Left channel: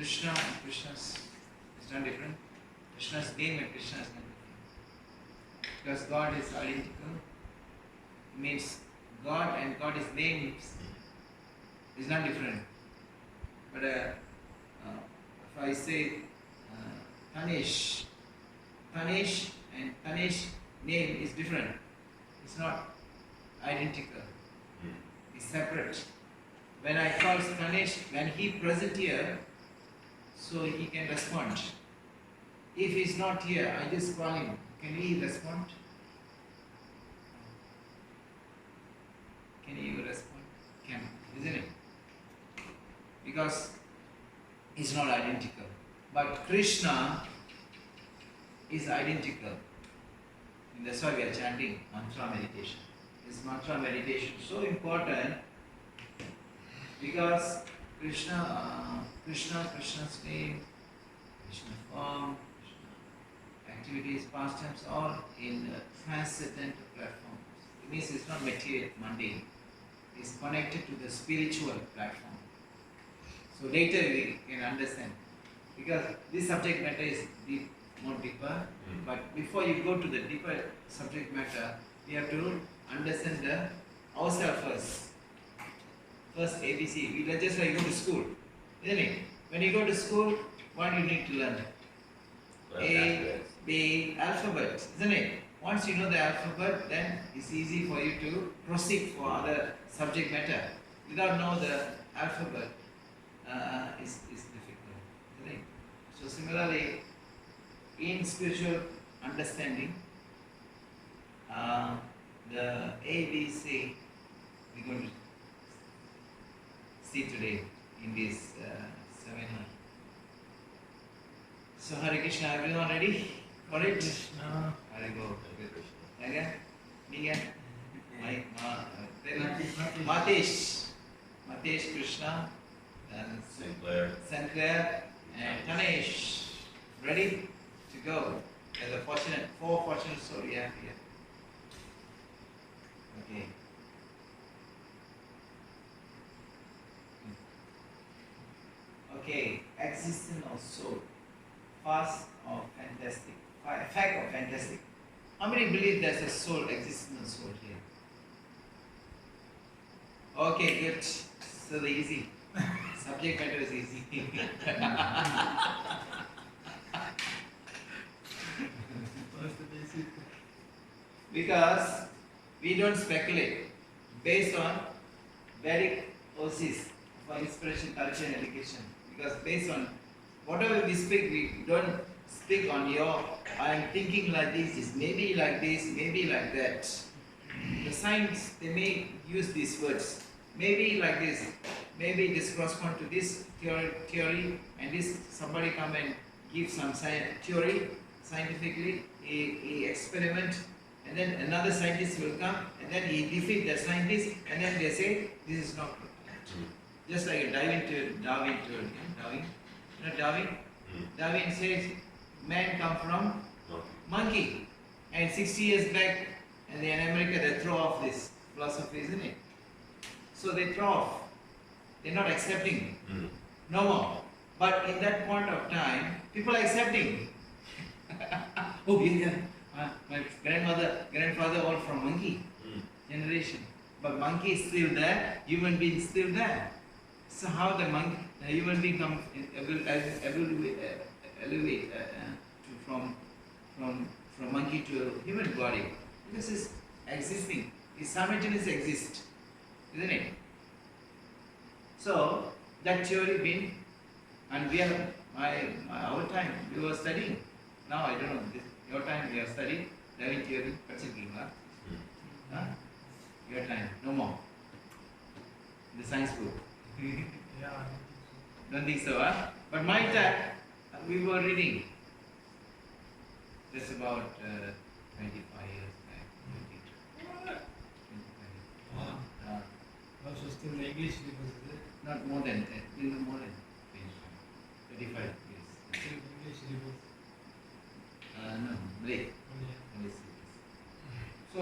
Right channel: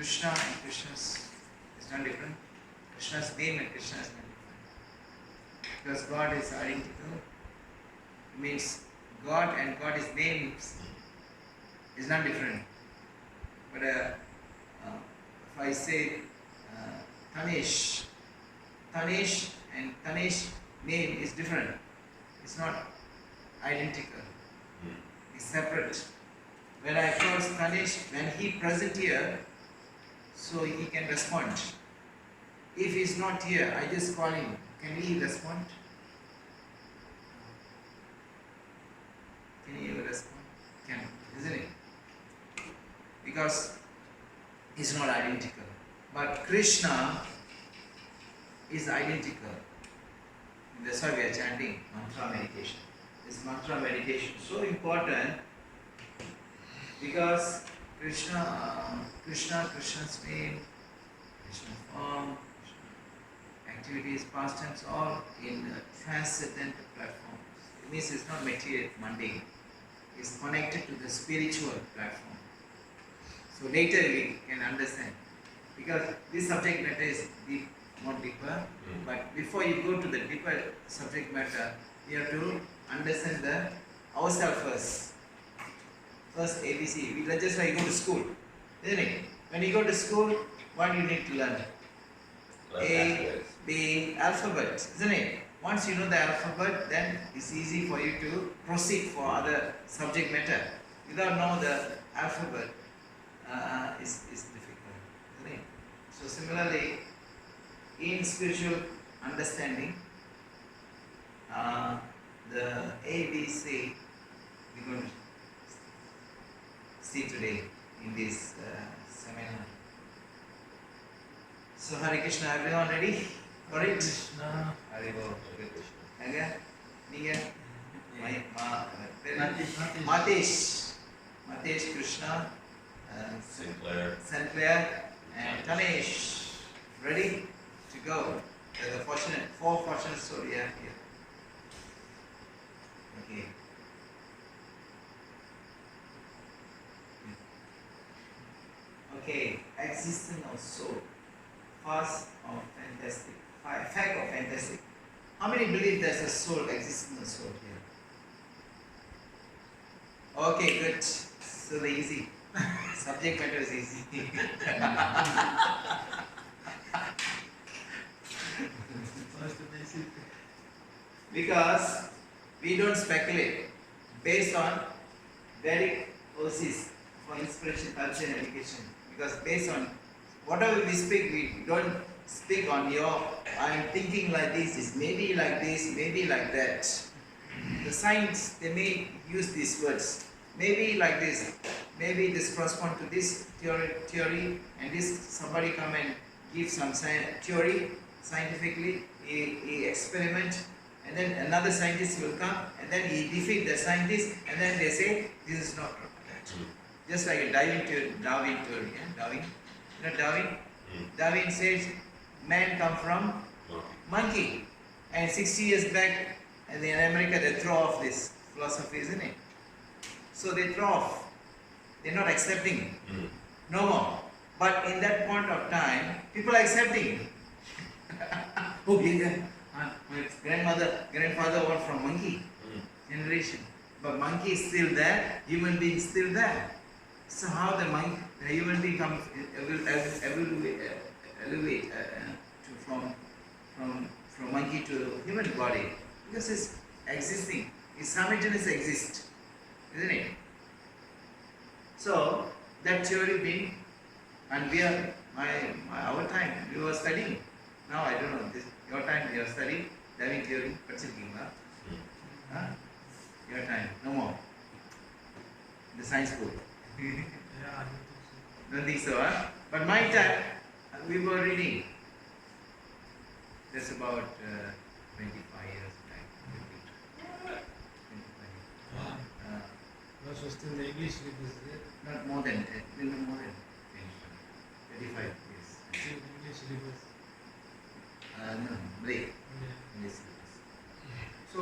Krishna and Krishna's is not different. Krishna's name and Krishna is not different. Because God is identical. It means God and God's names is not different. But if I say Tanesh and Tanesh name is different. It's not identical. It's separate. When I call Tanesh, when he present here, so he can respond. If he's not here, I just call him. Can he respond? Can he respond? Can, isn't it? Because it's not identical. But Krishna is identical. And that's why we are chanting mantra meditation. This mantra meditation is so important because Krishna's name, Krishna's form, activities, pastimes, all in transcendent platforms. It means it's not material, mundane. It's connected to the spiritual platform. So later we can understand. Because this subject matter is more deeper. But before you go to the deeper subject matter, you have to understand ourselves first. First ABC. We just like go to school, isn't it? When you go to school, what you need to learn? A, B, alphabet, isn't it? Once you know the alphabet, then it's easy for you to proceed for other subject matter. Without knowing the alphabet, it's difficult, isn't it? So similarly, in spiritual understanding, the ABC we're going to see today in this seminar. So Hare Krishna, everyone ready for it? Krishna. Hare Bo. Krishna. Again? Niga? Matesh Krishna, Sinclair, and Tanesh. Ready to go? There's the four fortunate souls we have here. Okay. Okay, existence of soul. Fast or fantastic? Fact or fantastic? How many believe there's a soul, existence of soul here? Okay, good. So the easy. Subject matter is easy. Because we don't speculate based on Vedic OCs for inspiration, culture and education. Because based on whatever we speak, we don't speak on I am thinking like this, is maybe like this, maybe like that. The science, they may use these words. Maybe like this, maybe this corresponds to this theory, and this somebody come and give some theory scientifically, he experiment, and then another scientist will come, and then he defeat the scientist, and then they say this is not correct. Just like a Darwin theory, yeah? Darwin. You know Darwin? Darwin says man come from monkey, and 60 years back, and in America they throw off this philosophy, isn't it? So they throw off. They're not accepting. No more. But in that point of time, people are accepting. Oh yeah, my grandfather all from monkey generation. But monkey is still there, human being is still there. So how the human being comes elevate from monkey to human body? Because it's existing. It's simultaneous exist. Isn't it? So that theory been, and we are our time we were studying. Now I don't know this your time you are studying Darwin theory, your time no more. The science book. Yeah, Don't think so, huh? But my time we were reading. That's about 25 years back. 25 years. also still the English syllabus there. Not more than 25 years. Still English syllabus. No, Malay. Yeah. So,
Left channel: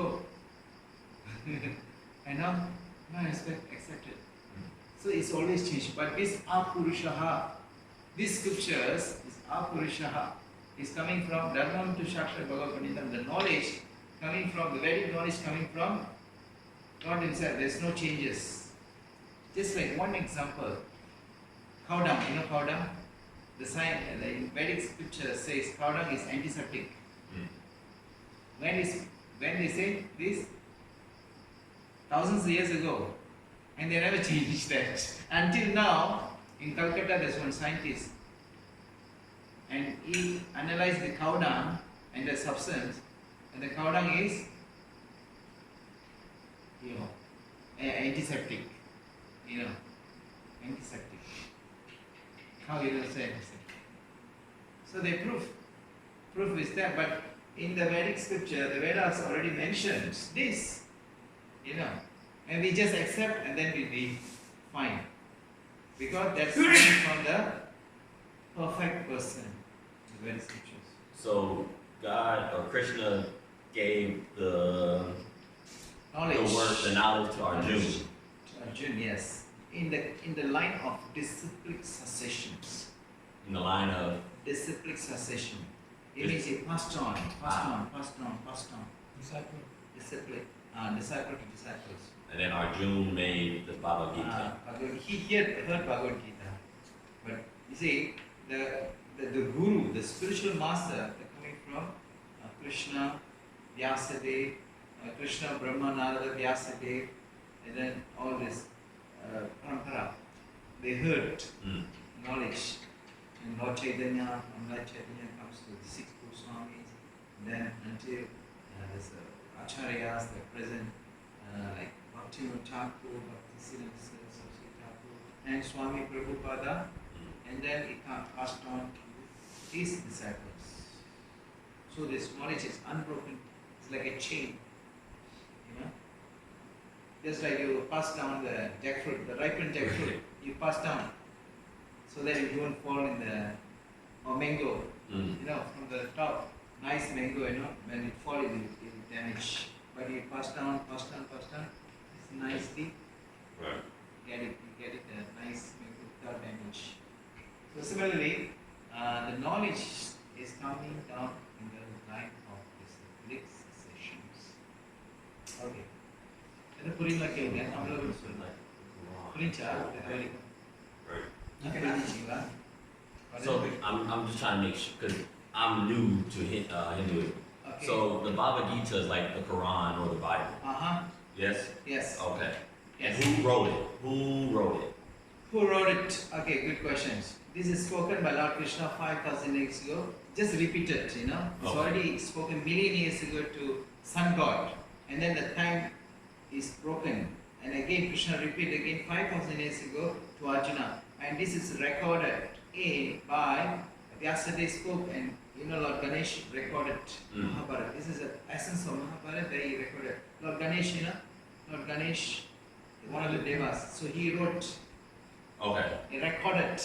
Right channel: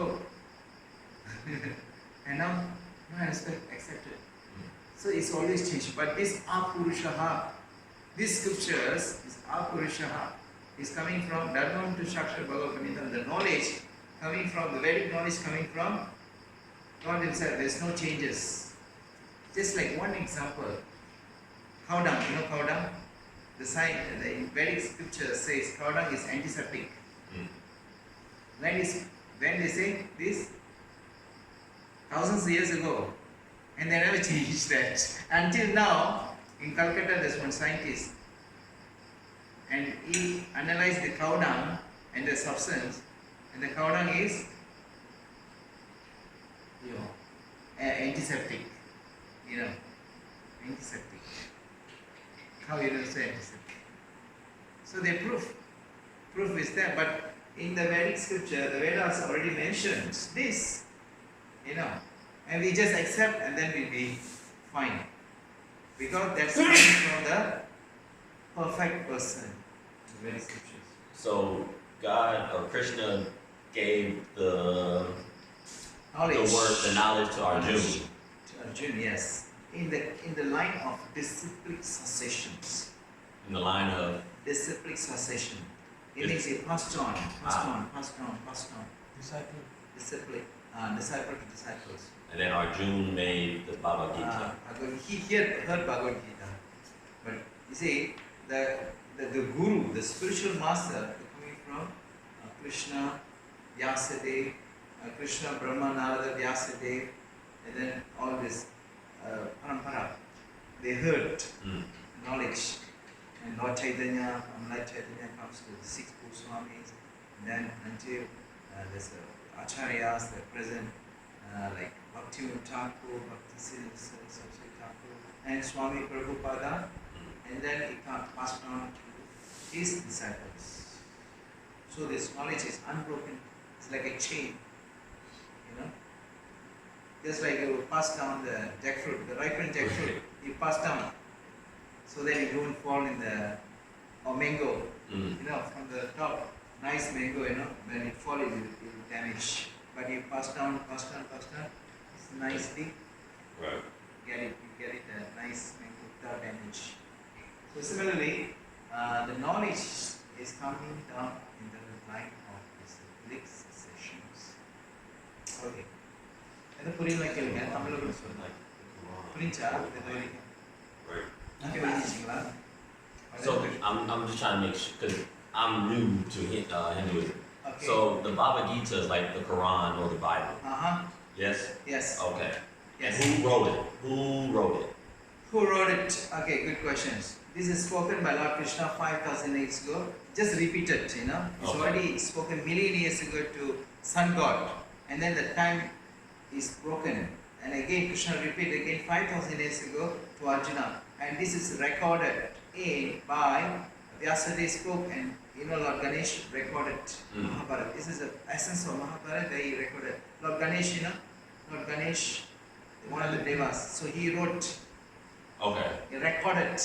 and now I accepted. So it's always changed. But this Apurushaha, these scriptures, this Apurushaha, is coming from Dharma to Shakshar Bhagavad Gita, the knowledge coming from the Vedic knowledge coming from God Himself. There's no changes. Just like one example, cow dung. You know cow dung? The Vedic scripture says cow dung is antiseptic. When they say this? Thousands of years ago. And they never changed that. Until now, in Calcutta, there's one scientist. And he analyzed the cow dung and the substance. And the cow dung is antiseptic. Antiseptic. Cow is also antiseptic. So they proof is there. But in the Vedic scripture, the Vedas already mentions this. And we just accept and then we'll be fine. Because that's coming from the perfect person, the Vedic scriptures. So God or Krishna gave the knowledge to Arjuna. To Arjuna, yes. In the line of disciplic successions. In the line of disciplic succession. It means he passed on. Disciple. Disciple to disciples. And then Arjuna made the Bhagavad Gita. He heard Bhagavad Gita. But you see, the guru, the spiritual master, coming from Krishna, Vyasadeva, Krishna, Brahma, Narada, Vyasadeva, and then all this parampara. They heard knowledge. And Lord Chaitanya, Lord Chaitanya comes to the 6 Goswamis, then until there's Acharyas, they're present, like Bhakti Thakur, Bhakti Saraswati Thakur, and Swami Prabhupada, and then it passed on to his disciples. So this knowledge is unbroken. It's like a chain, Just like you pass down the jackfruit, the ripened jackfruit, you pass down, so that you don't fall in or mango, from the top, nice mango, when it falls, it will damage. But you pass down, it's nicely, Right. you get it a nice mango without damage. So similarly, the knowledge is coming down in the line of disciplic successions. Okay. என்ன புரியல கேளுங்க தமிழ்ல கூட சொல்லுங்க புரிஞ்சா இது வரைக்கும் Right. Okay புரிஞ்சிங்களா So I'm just trying to make sure because I'm new to Hinduism. Okay. So the Bhagavad Gita is like the Quran or the Bible. Yes. Yes. Okay. Yes. And who wrote it? Who wrote it? Okay, good questions. This is spoken by Lord Krishna 5,000 years ago. Just repeat it, It's Okay. already spoken million years ago to Sun God. And then the time is broken. And again, Krishna repeated again 5,000 years ago to Arjuna. And this is recorded by Vyasadeva spoke and Lord Ganesh recorded Mahabharata. This is the essence of Mahabharata. They recorded. Lord Ganesh, one of the devas. So he wrote. Okay. He recorded.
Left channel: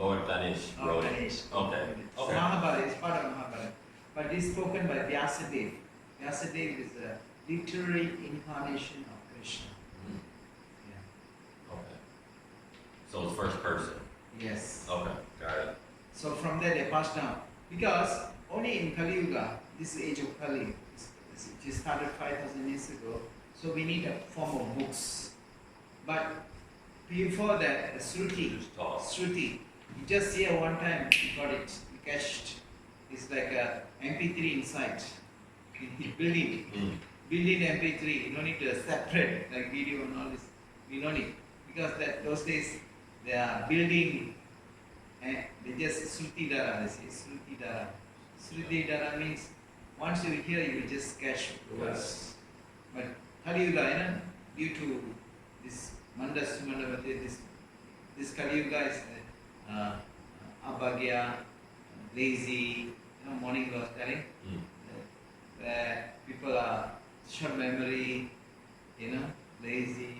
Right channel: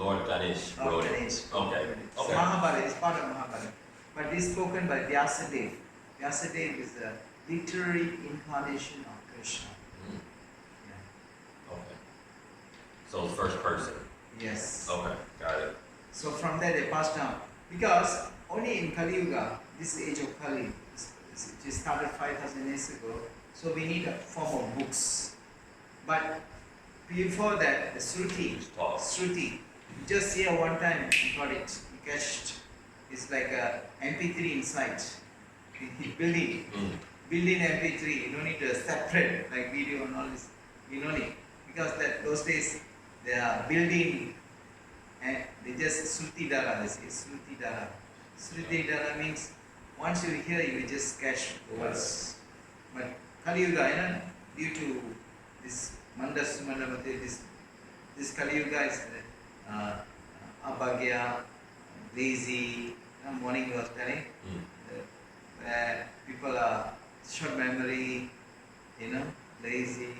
Lord Ganesh wrote it. Okay. So Mahabharata is part of Mahabharata. But this is spoken by Vyasadeva. Vyasadeva is a literary incarnation of Krishna. Okay. So it's first person. Yes. Okay, got it. So from there they passed down. Because only in Kali Yuga, this age of Kali, which started 5,000 years ago, so we need a form of books. But before that, the Shruti, you just hear one time, you got it, you catched. It's like a MP3 inside. Building MP3, you don't need to separate like video and all this. We don't need. Because those days, they are building and they just Shruti Dara, they say Shruti Dara. Shruti Dara means once you hear, you will just catch the words. But Kali Yuga, due to this Mandas Mandavati, this Kali Yuga is abhagya, lazy, morning was telling, where people are short memory, lazy,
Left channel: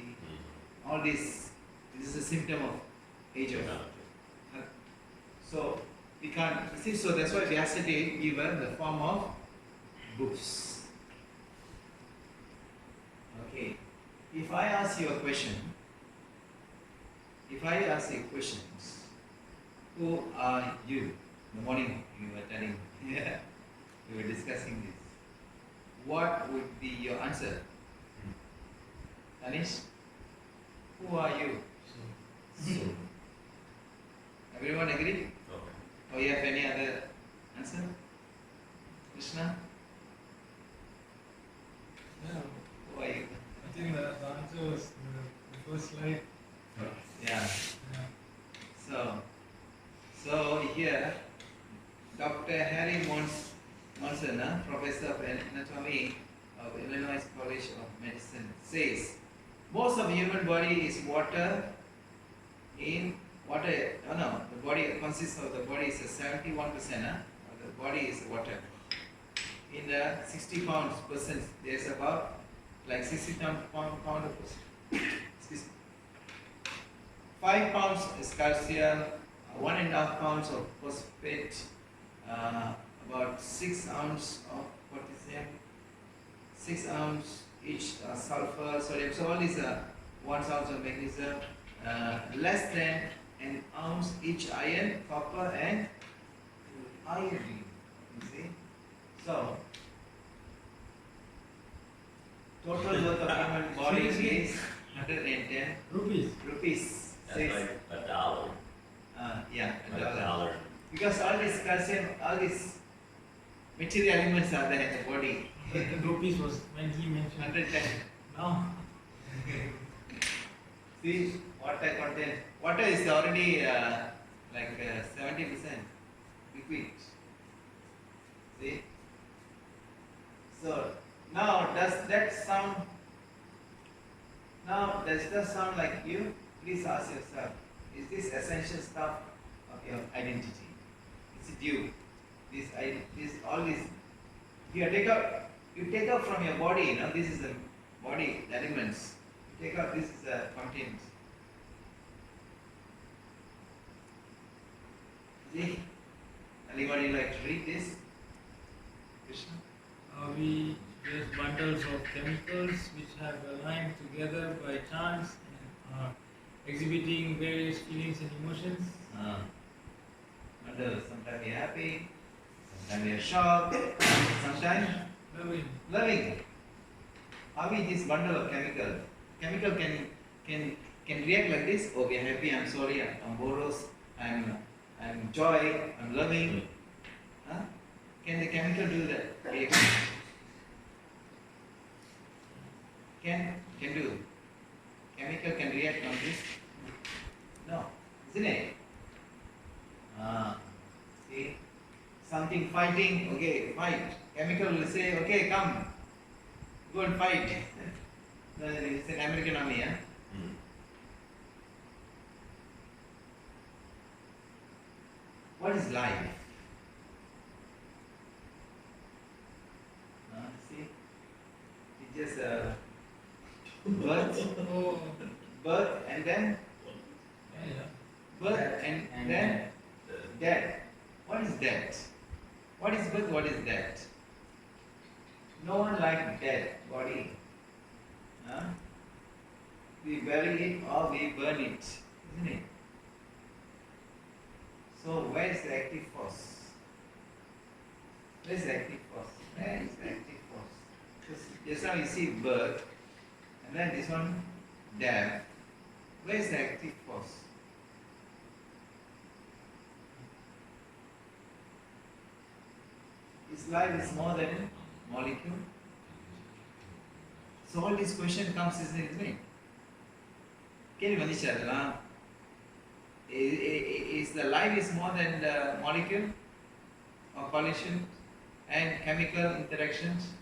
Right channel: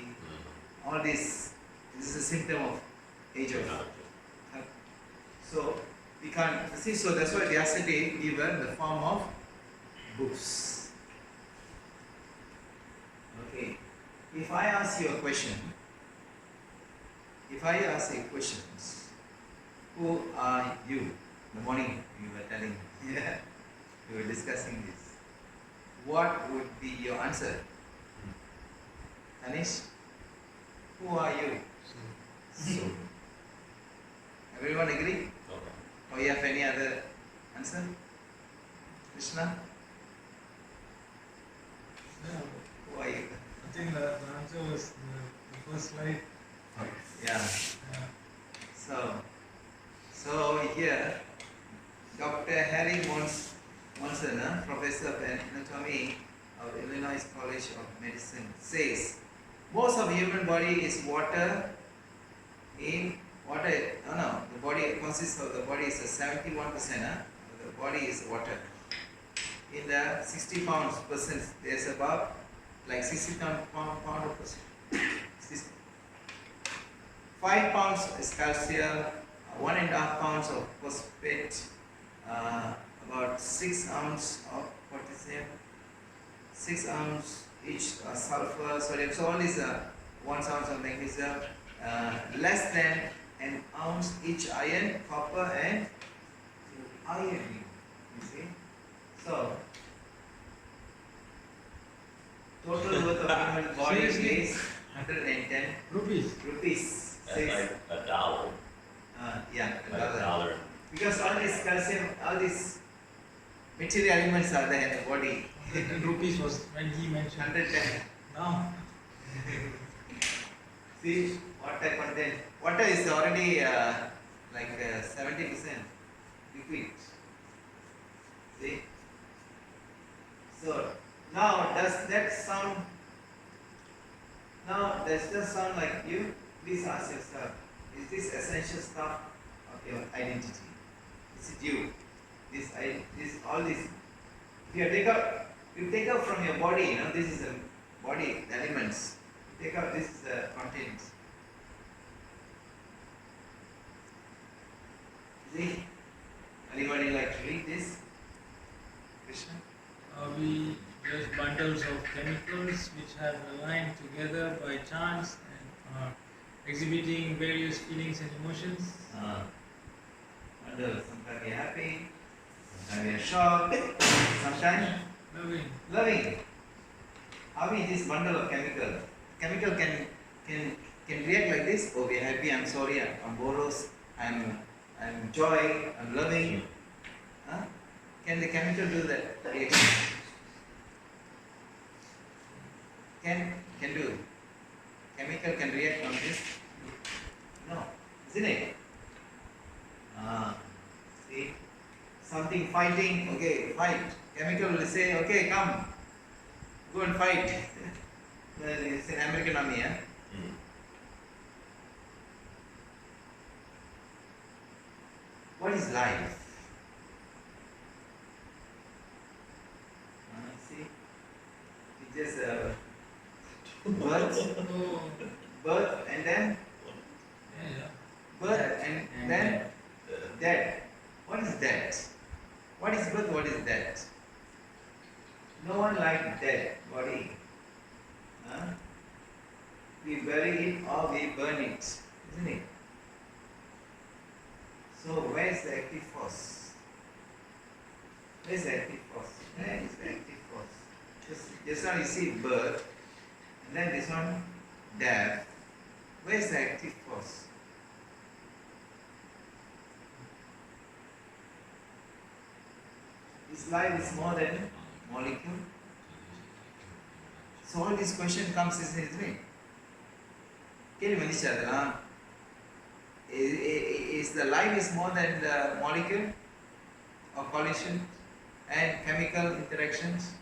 all this is a symptom of age of. So we can't see. So that's why Vyasadeva we were in the form of books. Okay. If I ask you a question, who are you? In the morning you were telling, we were discussing this. what would be your answer? Anish, who are you? So, Everyone agree? okay. Or you have any other answer? Krishna, Yeah, who are you? I think the answer was the first slide. Yeah. Yeah. So here, Dr. Harry Monson, Professor of Anatomy of Illinois College of Medicine, says most of human body is water. The body consists of the body is 71%. The body is water. In the 60 pounds person, there's about like 60 pound of person. 5 pounds is calcium, 1.5 pounds of phosphate, about 6 ounces of potassium, 6 ounces each sulfur, sodium. So all these 1 ounce of magnesium, less than an ounce each iron, copper, and iodine. You see? So total worth of human body is 110 rupees. That's like $1. Yeah, Like $1. $1. Because all this calcium, all these material elements are there in the body. 100 rupees was when he mentioned. 110. Now, See, water content. Water is already like 70% liquid. See? So, now does that sound like you? Please ask yourself, is this essential stuff of your identity? Is it you? All this. If you take out from your body, this is the body, the elements. You take out, this is the content. See? Anybody like to read this? Krishna? we just bundles of chemicals which have aligned together by chance and are exhibiting various feelings and emotions. Wonder, sometimes we are happy, sometimes we are shocked, sometimes loving. How is this bundle of chemical? Chemical can react like this. Oh, we are happy. I'm sorry. I'm boros. I'm joy. I'm loving. Huh? Can the chemical do that? Reaction? Can do. Chemical can react on this. No, isn't it? See, something fighting. Okay, fight. Chemical will say, okay, come, go and fight. It's an American army, What is life? See, it's just birth and then birth and then death. What is death? What is birth? What is death? No one likes dead body. We bury it or we burn it, isn't it? So where is the active force? Where is the active force? Where is the active force? Just now you see birth, and then this one death. Where is the active force? Is life more than molecule? So all this question comes, isn't it? Can you understand? Is the life is more than the molecule or collision and chemical interactions?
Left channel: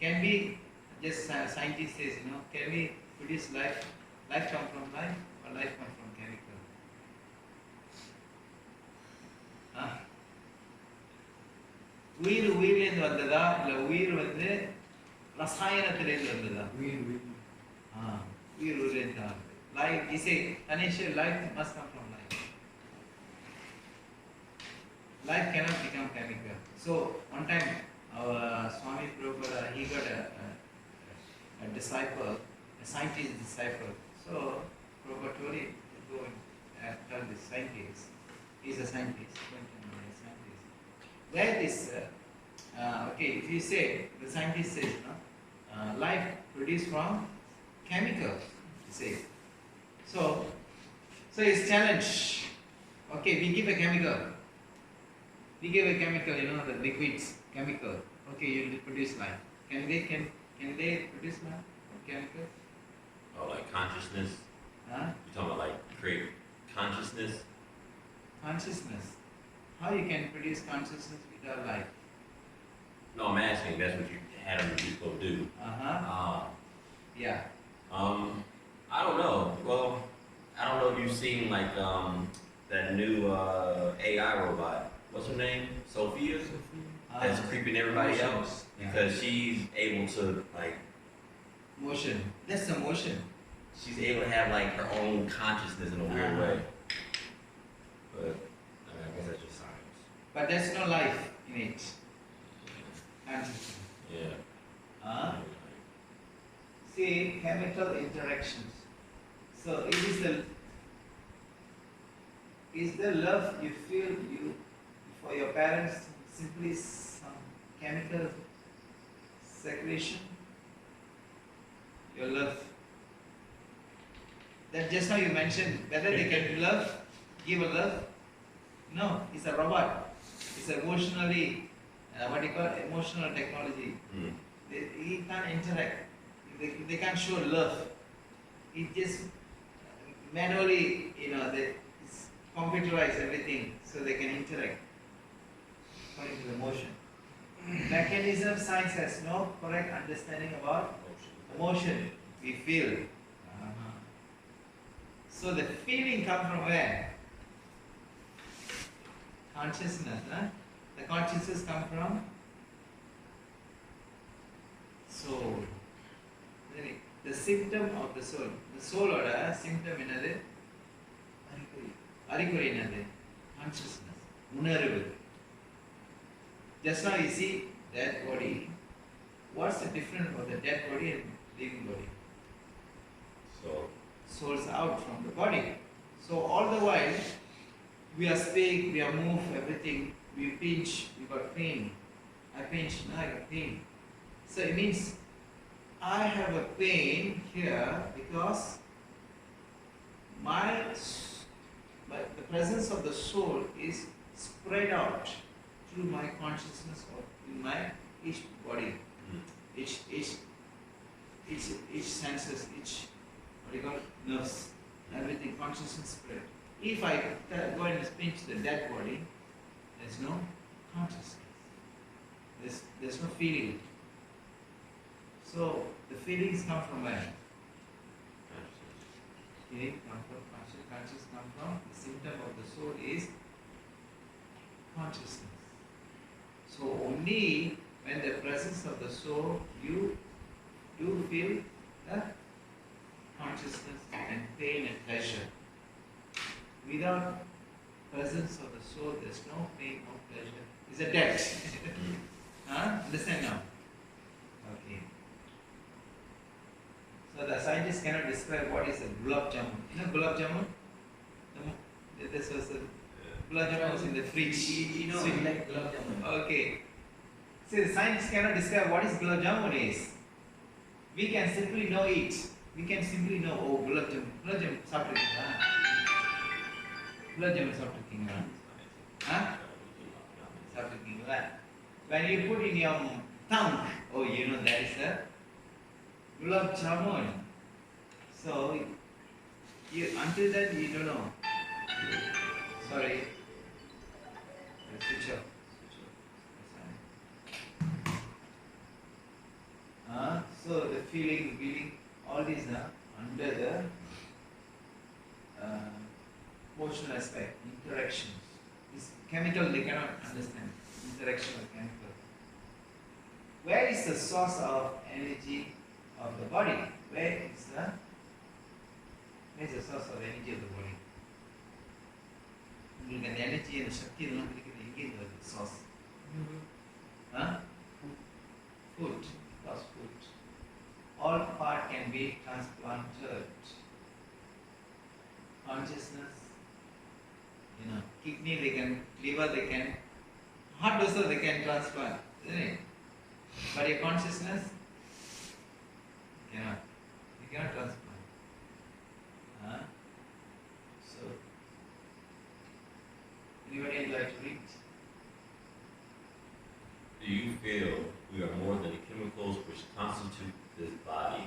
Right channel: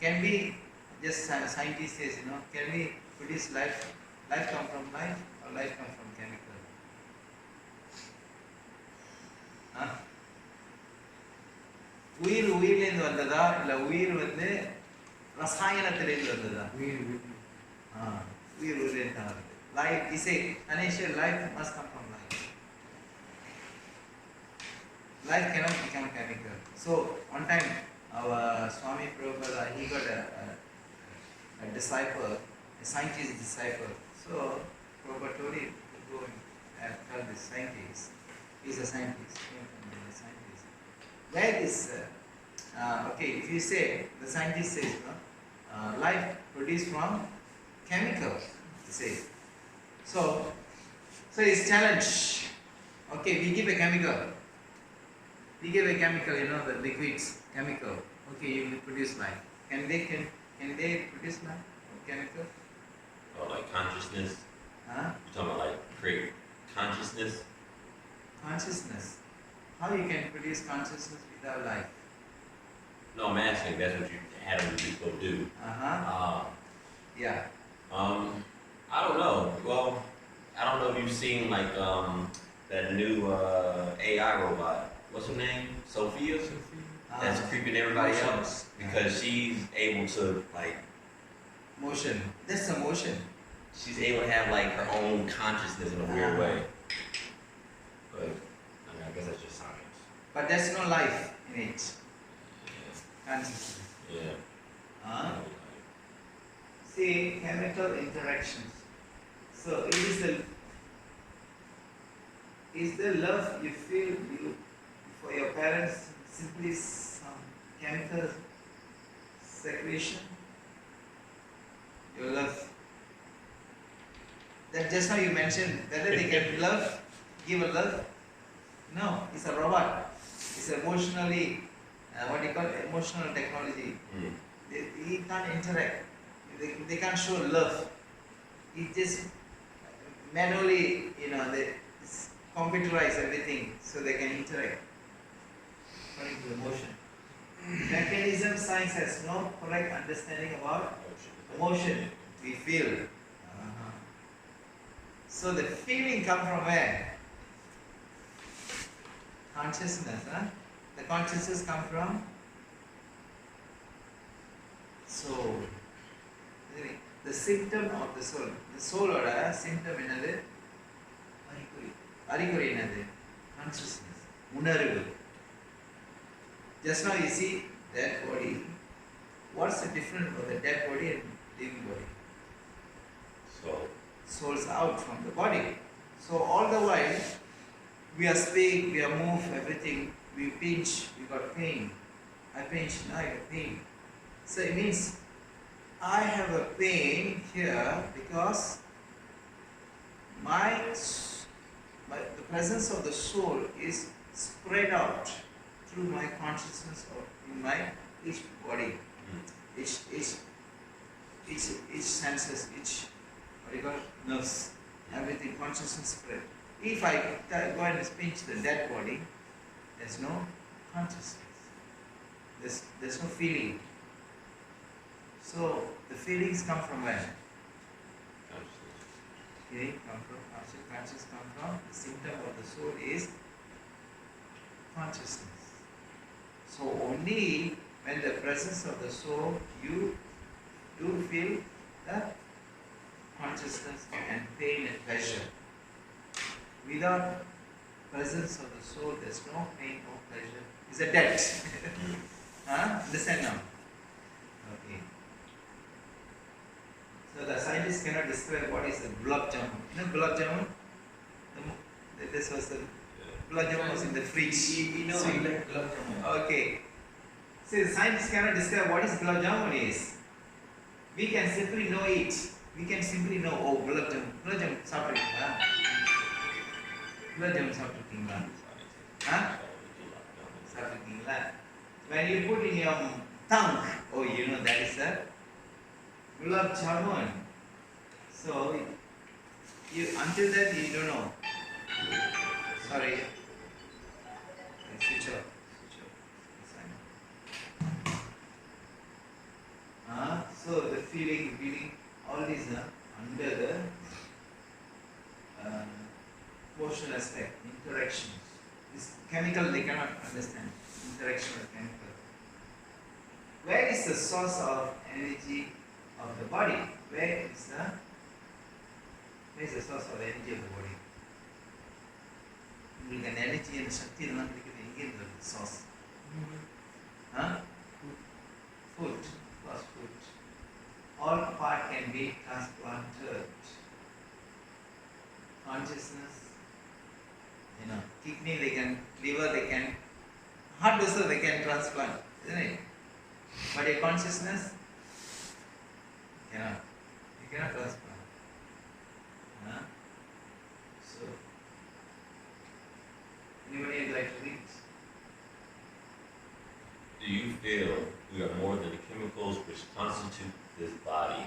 Can we, just scientist says, can we produce life? Life come from life or life come from chemical? உயிர்லேருந்து வந்ததா இல்லை உயிர் வந்து ரசாயனத்திலேருந்து வந்ததா? உயிர்லேருந்து தான் வருது. Life, he say, Tanesha, life must come from life. Life cannot become chemical. So, one time, our Swami Prabhupada, he got a disciple, a scientist disciple. So, Prabhupada told him to go and tell this scientist, he's a scientist, where this Okay, if you say, the scientist says, life produced from chemical, you say. So it's challenge. Okay, we give a chemical. We give a chemical, the liquids, chemical. Okay, you will produce life. Can they produce life from chemical? Oh, like consciousness. Huh? You're talking about like create consciousness. Consciousness. How you can produce consciousness without life? No, I'm asking. That's what you had them go do. Yeah. I don't know. Well, I don't know if you've seen like that new AI robot. What's her name? Sophia. That's creeping everybody else because she's able to like motion. That's the motion. She's able to have like her own consciousness in a weird way. But I guess that's just science. But there's no life in it. Consciousness. Yeah. See, chemical interactions. So it is the love you feel for your parents simply some chemical secretion? Your love. That just now you mentioned whether they can give a love. No, it's a robot. It's emotionally, emotional technology. He can't interact. They can't show love. It just manually, they computerize everything so they can interact according to emotion. Mechanism science has no correct understanding about emotion we feel. So the feeling comes from where? Consciousness. The consciousness comes from soul. The symptom of the soul. The soul or symptom என்னது? அறிகுறி என்னது? Consciousness. உணர்வு. Just now you see dead body. What's the difference of the dead body and living body? Soul's out from the body. So all the while we are speak, we are move, everything, we pinch, we got pain. I pinch, now I got pain. So it means I have a pain here because the presence of the soul is spread out through my consciousness or in my each body, each senses, each nerves, everything consciousness spread. If I go and pinch the dead body, there's no consciousness. There's no feeling. So the feelings come from where? Feeling come from consciousness come from the symptom of the soul is consciousness. So only when the presence of the soul you do feel the consciousness and pain and pleasure. Without presence of the soul, there's no pain, no pleasure. It's a debt. Understand now? Okay. So the scientists cannot describe what is a gulab jamun. You know gulab jamun? This was the gulab jamun was in the fridge. You know, Sweet. like gulab jamun. Okay. See, the scientists cannot describe what is gulab jamun is. We can simply know it. We can simply know, oh, gulab jamun. Gulab jamun சாப்பிட்டுருக்கீங்களா? Gulab jamun சாப்பிட்டுருக்கீங்களா? சாப்பிட்டுருக்கீங்களா? When you put in your tongue, oh, you know that is a gulab jamun. So, until that you don't know. Sorry. Switch off. So the feeling, all these are under the emotional aspect, interactions. This chemical they cannot understand. Interaction of chemical. Where is the source of energy of the body? Where is the source of the energy of the body? உங்களுக்கு அந்த energy அந்த சக்தி இதெல்லாம் கிடைக்கிறது எங்கேருந்து வருது source? Food. Plus food. All part can be transplanted. Consciousness, kidney they can, liver they can, heart also they can transplant, isn't it? But your consciousness cannot. You cannot transplant. Huh? So, anybody would like to read? Do you feel we are more than the chemicals which constitute this body?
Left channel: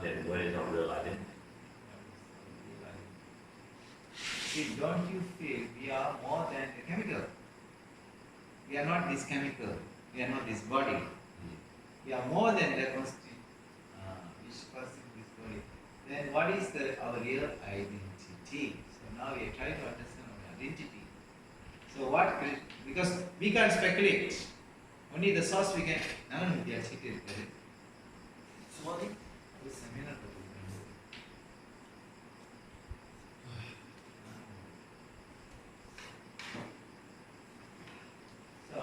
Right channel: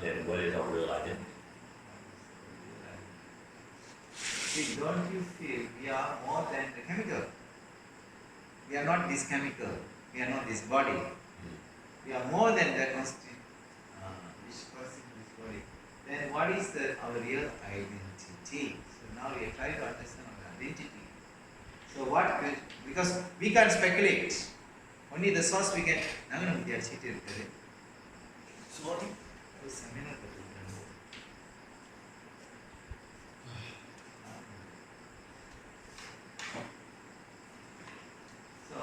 Then what is our real identity? See, don't you feel we are more than the chemical? We are not this chemical. We are not this body. We are more than the constitute, which constitutes this body. Then what is our real identity? So now we are trying to understand our identity. So what? Because we can't speculate. Only the source we can. Sorry. Seminar. So,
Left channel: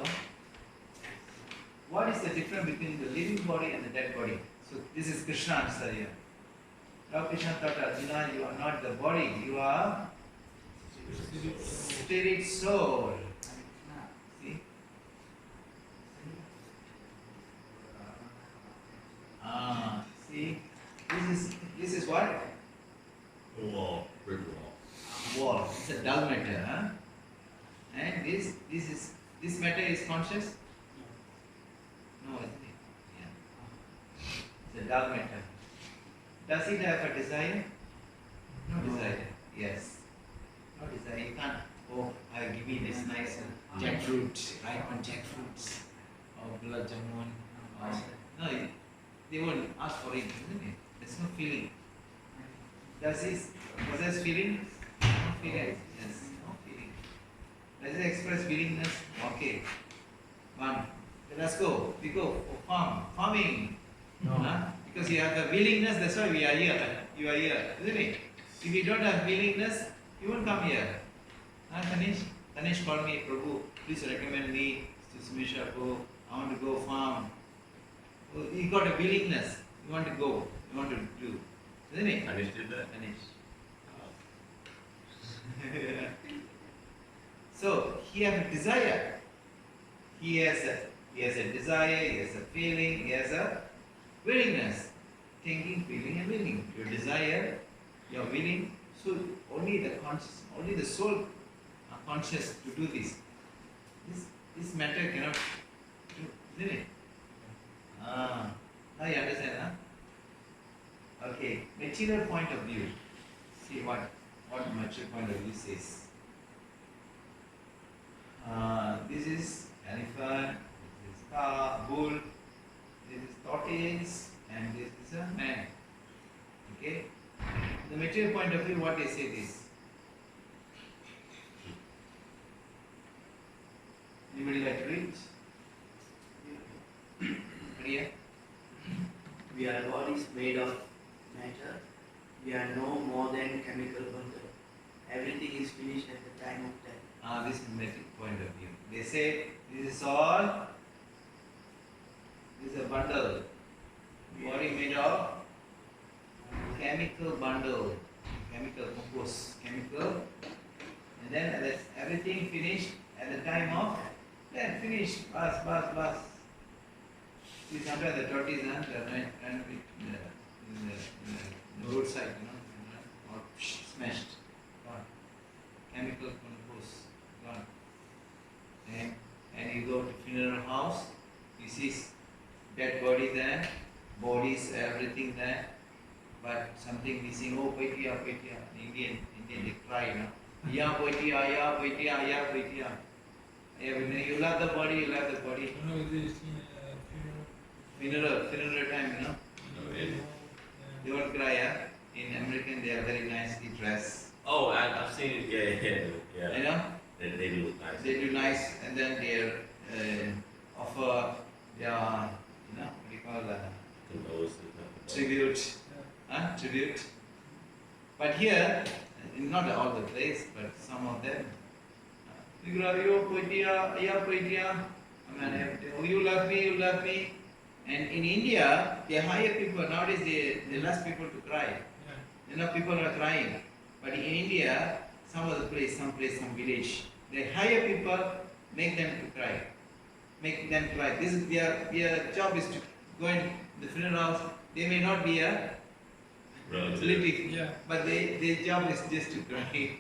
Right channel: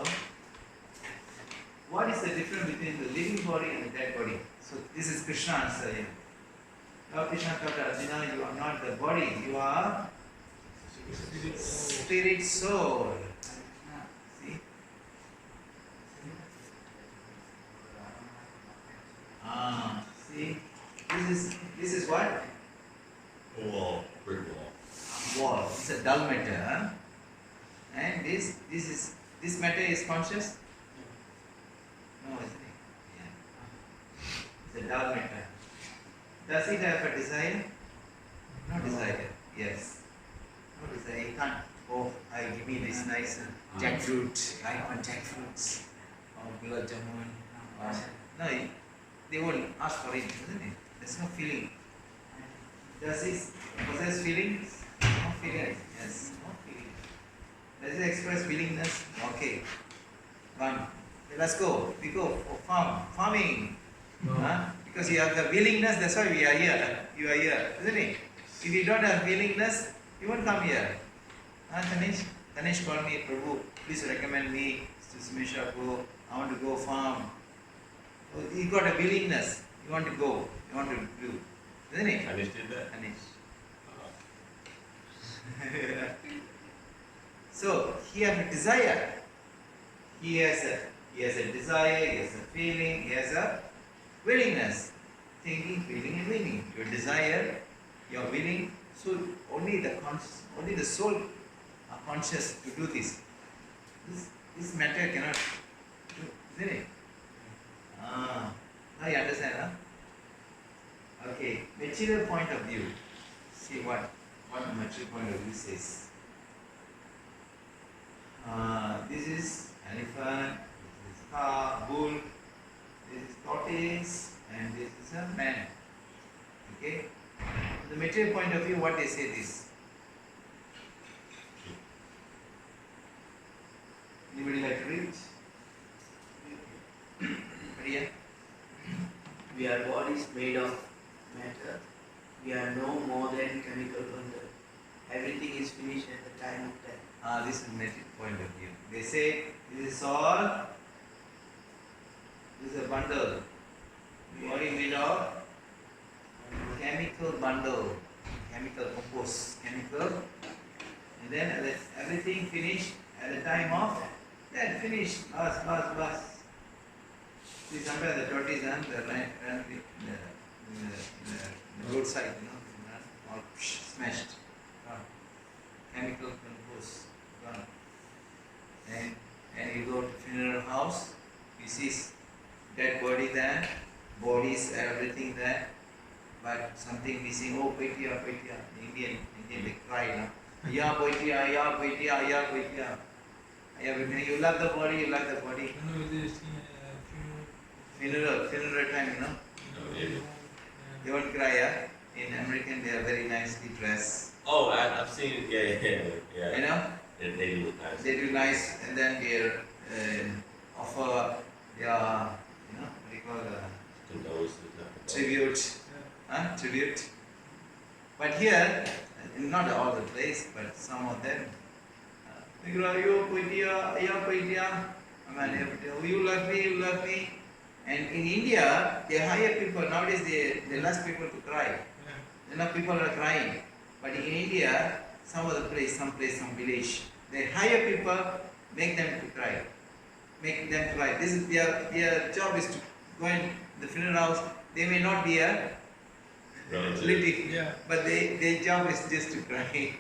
what is the difference between the living body and the dead body? So, this is Krishna answer here. Now, Krishna thought, Arjuna, you are not the body, you are spirit soul. See? See? This is what? Wall, brick wall. Wall. It's a dull matter. Huh? And this matter is conscious? No, isn't it? Yeah. It's a dull matter. Does it have a desire? No desire. Yes. No desire. It can't. Oh, I give me this nice jackfruit, right? On jackfruits, or gulab jamun. No, they won't ask for it, isn't it? There's no feeling. Does it possess feelings? No feeling. Yes, no feeling. Does it express willingness? Okay. One. Let's go. We go for farming. No. Huh? Because you have the willingness, that's why we are here. You are here, isn't it? If you don't have willingness, you won't come here. Tanesh? Tanesh called me, Prabhu, please recommend me to Sumisha go. I want to go farm. Oh, you got a willingness. You want to go. You want to do. Isn't it? Tanesh did that? Tanesh. So, he has a desire. He has a desire, he has a feeling, he has a willingness. Thinking, feeling and willing. Your desire, your willing. So only the soul are conscious to do this. This matter cannot do, isn't it? Now you understand, huh? Okay, material point of view. See what material point of view says. This is elephant, this is car, bull, this is tortoise, and this is a man. Okay? The material point of view, what they say this. Anybody like to read? Maria? We are bodies made of matter. We are no more than chemical bundle. Everything is finished at the time of death. This is material point of view. They say this is a bundle. Body made of chemical bundle, chemical compose, chemical, and then everything finished at the time of death. Finished, bus. See, sometimes the tortoise run with the roadside, all smashed, gone. Chemical compose, gone. And you go to funeral house, you see dead body there, bodies, everything there, but something missing. Oh, Poitia. Indian they cry, Ya Poitia. You love the body. Funeral time, They won't cry, In American, they are very nicely dressed. Oh, I've seen it. Yeah. They do look nice. They do nice, and then they offer their, what do you call tribute. Tribute. But here, not all the place, but some of them, they go, you Poitia, you love me. And in India, they hire people. Nowadays, they less people to cry. People are crying. But in India, some place, some village, they hire people make them to cry. Make them cry. This is their job is to go in the funeral house. They may not be a relative, Yeah. but their job is just to cry.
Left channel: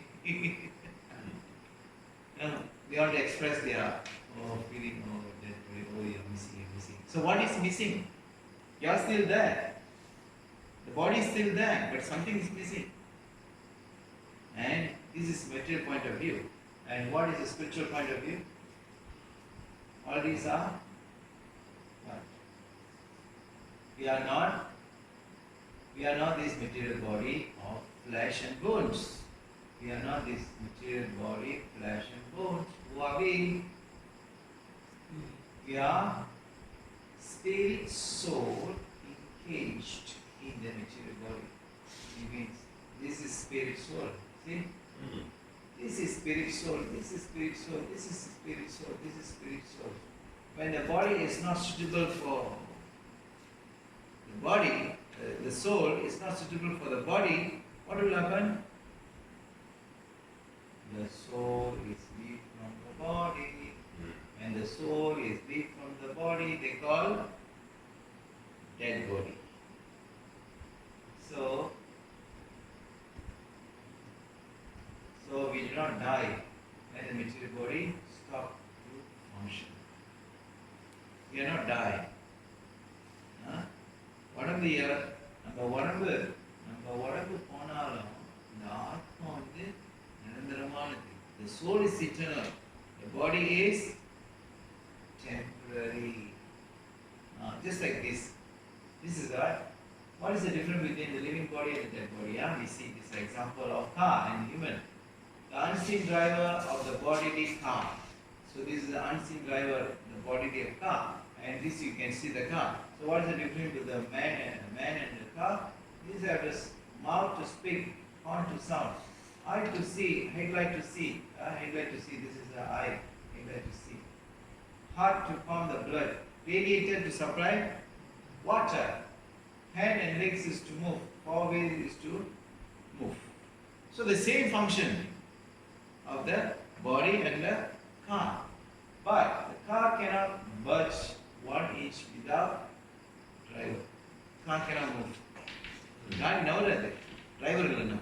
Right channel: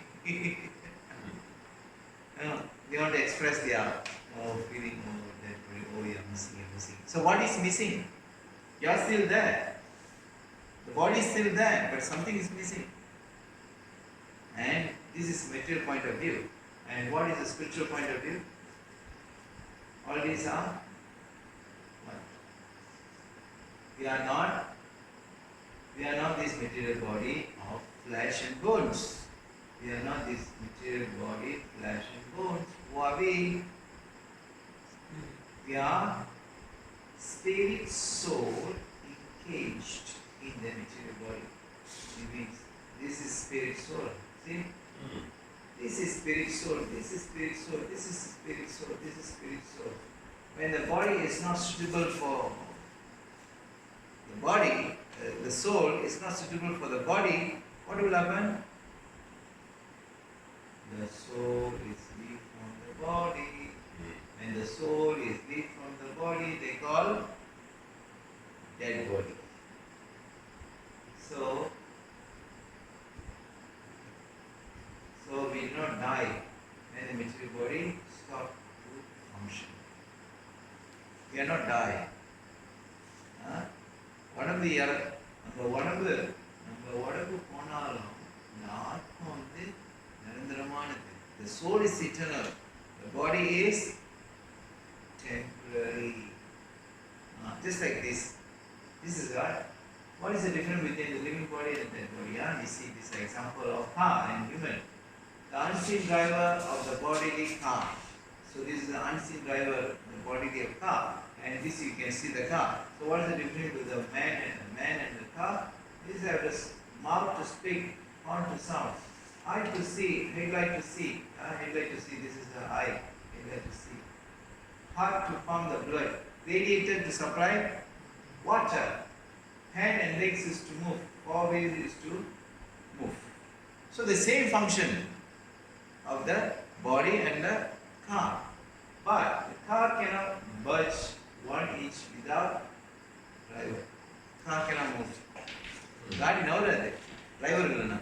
No, they want to express their feeling, that, you're missing, you're missing. So what is missing? You're still there. The body is still there, but something is missing. And this is material point of view. And what is the spiritual point of view? All these are what? We are not this material body of flesh and bones. We are not this material body, flesh and bones. Who are we? We are spirit, soul encaged in the material body. It means this is spirit, soul. See? This is spirit, soul, this is spirit, soul, this is spirit, soul, this is spirit, soul. When the body is not suitable for the body, the soul is not suitable for the body, what will happen? The soul is weak from the body. When the soul is weak from the body, they call dead body. So we do not die when the material body stops to function. We are not die. The soul is eternal. The body is temporary. Just like this. This is what is the difference between the living body and the dead body? We see this example of car and human. The unseen driver of the bodily car. So this is the unseen driver, the bodily of car, and this you can see the car. So what is the difference with the man and the car? This have the mouth to speak, horn to sound, eye to see, headlight to see. Headlight to see. This is the eye. Headlight to see. Heart to pump the blood. Radiator to supply water. Hand and legs is to move. Forward is to move. So the same function of the body and the car. But the car cannot budge 1 inch without driver. Car cannot move. Gadi navarade. Driver illana.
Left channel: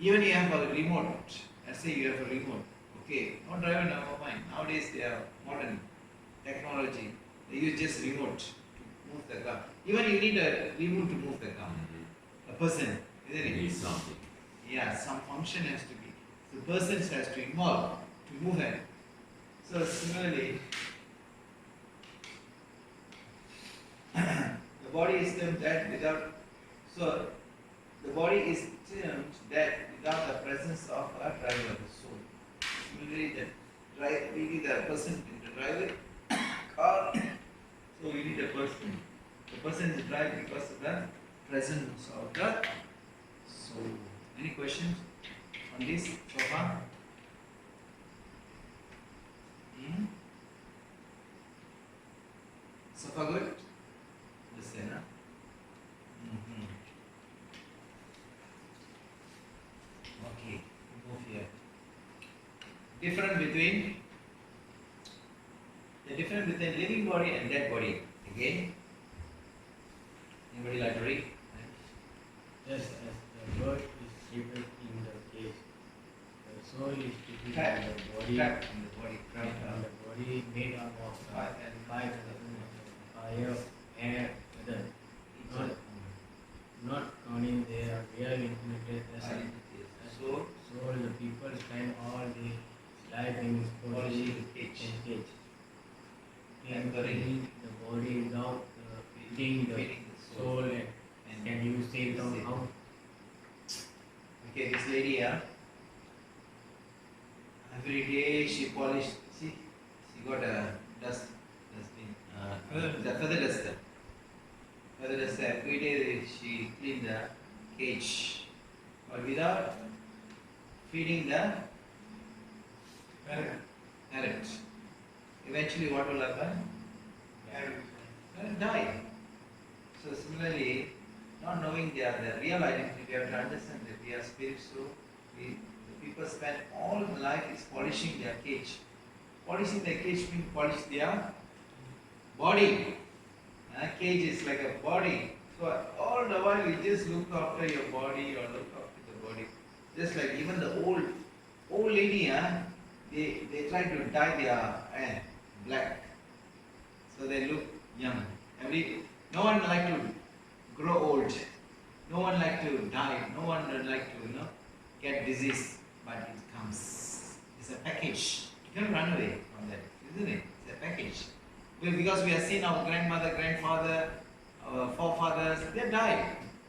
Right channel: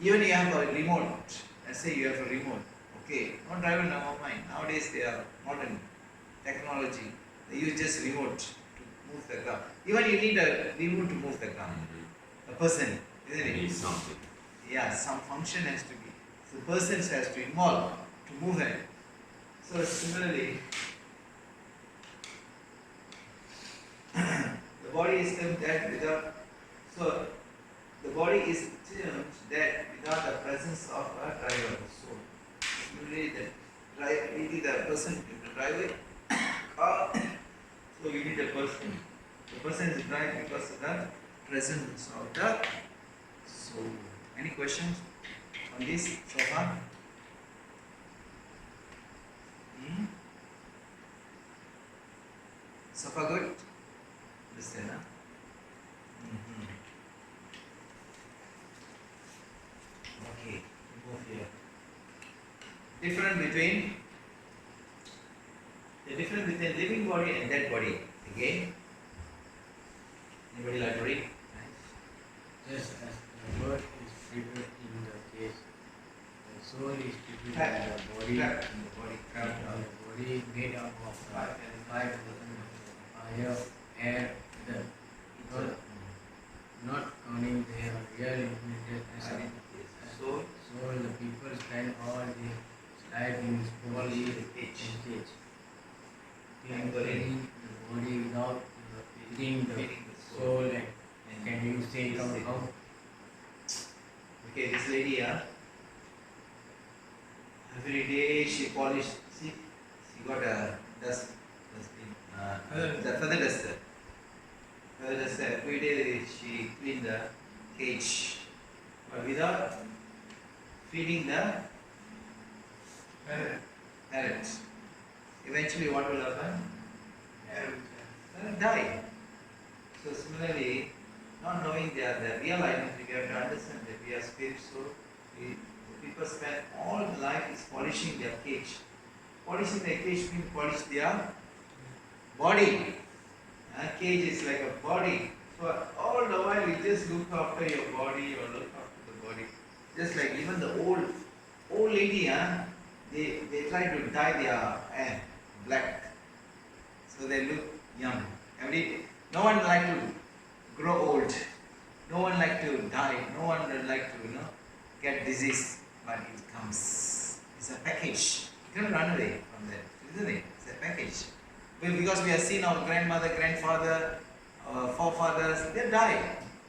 Even you have a remote. Let's say you have a remote. Okay, no driver, never mind. Nowadays they are modern technology. They use just remote to move the car. Even you need a remote to move the car. A person, isn't it? You need something. Yeah, some function has to be. So person has to involve to move it. So similarly, the body is termed dead without. So the body is termed dead without the presence of a driver, the soul. Similarly, we need a person in the driveway car. So we need a person. The person is drive because of the presence of the soul. Any questions on this so far? So far good? Listen, huh? Okay, move here. The difference between living body and dead body. Again, anybody like to read? Just as the bird is treated in the cage, the soul is treated Trapped. in the body, Trapped in the body, cramped in out. the body made up of Five five elements: fire, air, weather. Not counting their real implemented as a Soul, soul, the people spend all their life in this body Polishing the cage. and cage. Pampering. The body without feeding the feeding the soul. soul. And can you say it out how? Okay, this lady, every day she polished. See, she got a dustbin, the feather duster. Feather duster. Every day she cleaned the cage, but without feeding the parrot. Eventually, what will happen? Parrot die. So similarly, not knowing the real identity, we have to understand that we are spirit. So the people spend all life is polishing their cage. Polishing the cage means polish their body. Cage is like a body. So all the while you just look after your body or look after the body. Just like even the old lady, they try to dye their hair black. So they look young. No one like to grow old. No one like to die. No one like to get disease. But it comes. It's a package. You can't run away from that, isn't it? It's a package. Because we have seen our grandmother, grandfather, our forefathers, they died.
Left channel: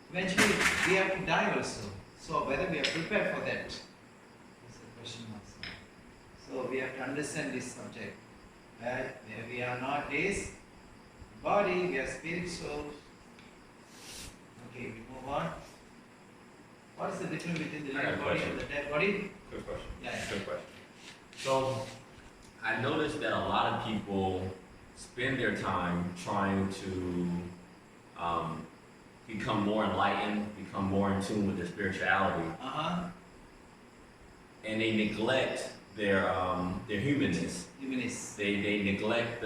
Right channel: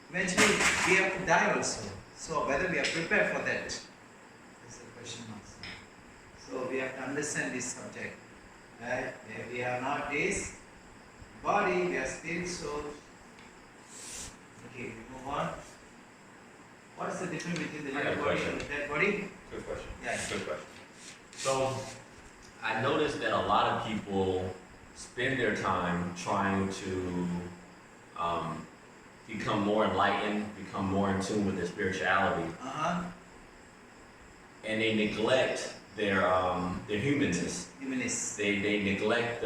Eventually, we have to die also. So whether we are prepared for that is a question mark. So we have to understand this subject. Right? We are nowadays body, we are spirit, soul. Okay, we move on. What is the difference between the living body and the dead body? Good question. Yeah. Good question. So, I noticed that a lot of people spend their time trying to become more enlightened, become more in tune with their spirituality, and they neglect their humanness. They neglect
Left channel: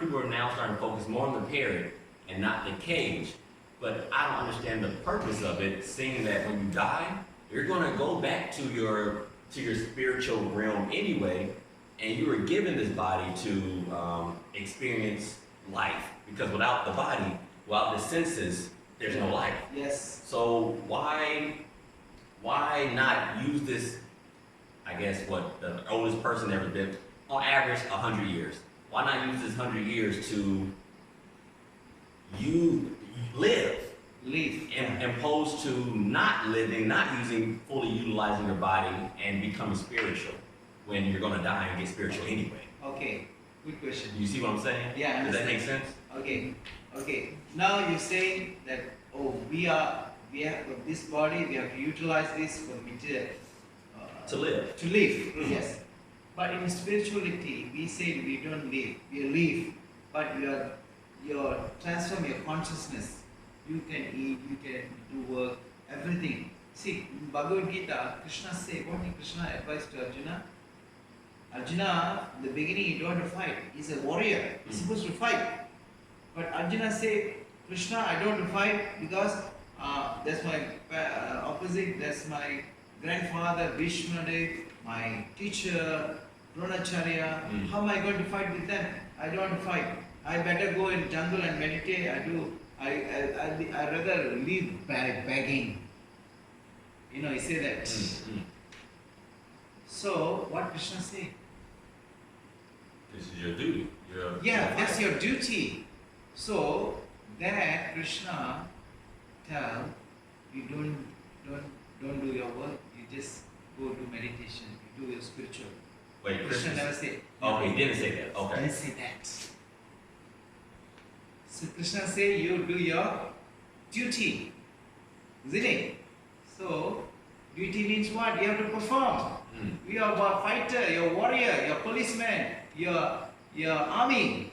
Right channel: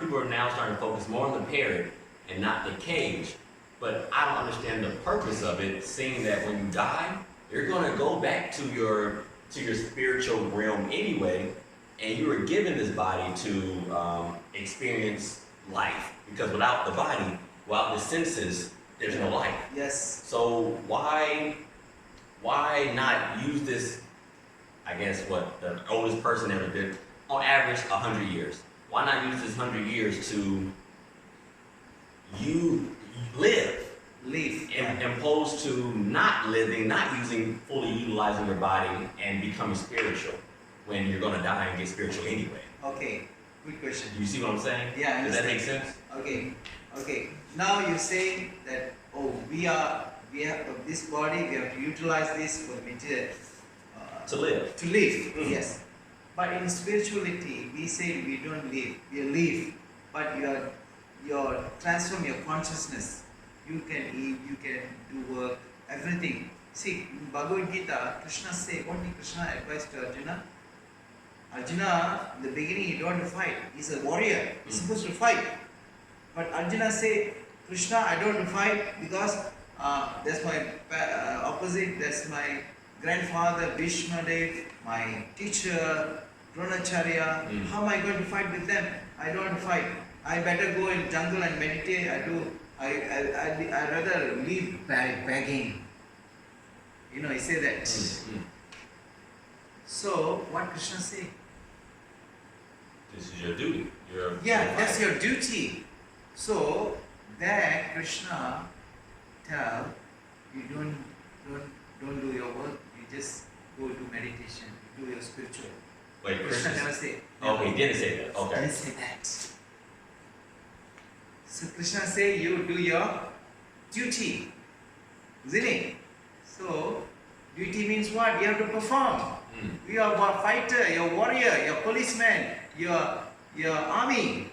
people are now starting to focus more on the parrot and not the cage. But I don't understand the purpose of it, seeing that when you die, you're gonna go back to your spiritual realm anyway, and you were given this body to experience life. Because without the body, without the senses, there's no life. Yes. So why not use this? I guess what the oldest person ever did, on average, 100 years. Why not use this 100 years to live? Opposed to not living, not fully utilizing your body and becoming spiritual when you're gonna die and get spiritual anyway. Okay, good question. You see what I'm saying? Yeah, I Does that understand. make sense? Okay. Now you say that we have this body, we have to utilize this for the material. To live. Mm-hmm. Yes. But in spirituality, we say we don't live, we live. But you transform your consciousness. You can eat, you can do work, everything. See, in Bhagavad Gita, Krishna said, what did Krishna advise to Arjuna? Arjuna, in the beginning, you don't have to fight. He's a warrior. He's supposed to fight. But Arjuna said, Krishna, I don't have to fight because that's my opposite, that's my grandfather, Bhishmadev, my teacher, Dronacharya. How am I going to fight with them? I don't want to fight. I better go in jungle and meditate. I rather live by begging. He said that. So, what Krishna say? This is your duty. That's your duty. So, that Krishna tell you don't do your work. You just go do meditation. You do your spiritual. Wait, Krishna never say. Okay, he didn't say that. Okay. Didn't say that. So Krishna say you do your duty, isn't it? So duty means what? You have to perform. You are a fighter, you're a warrior, you're a policeman, you're army.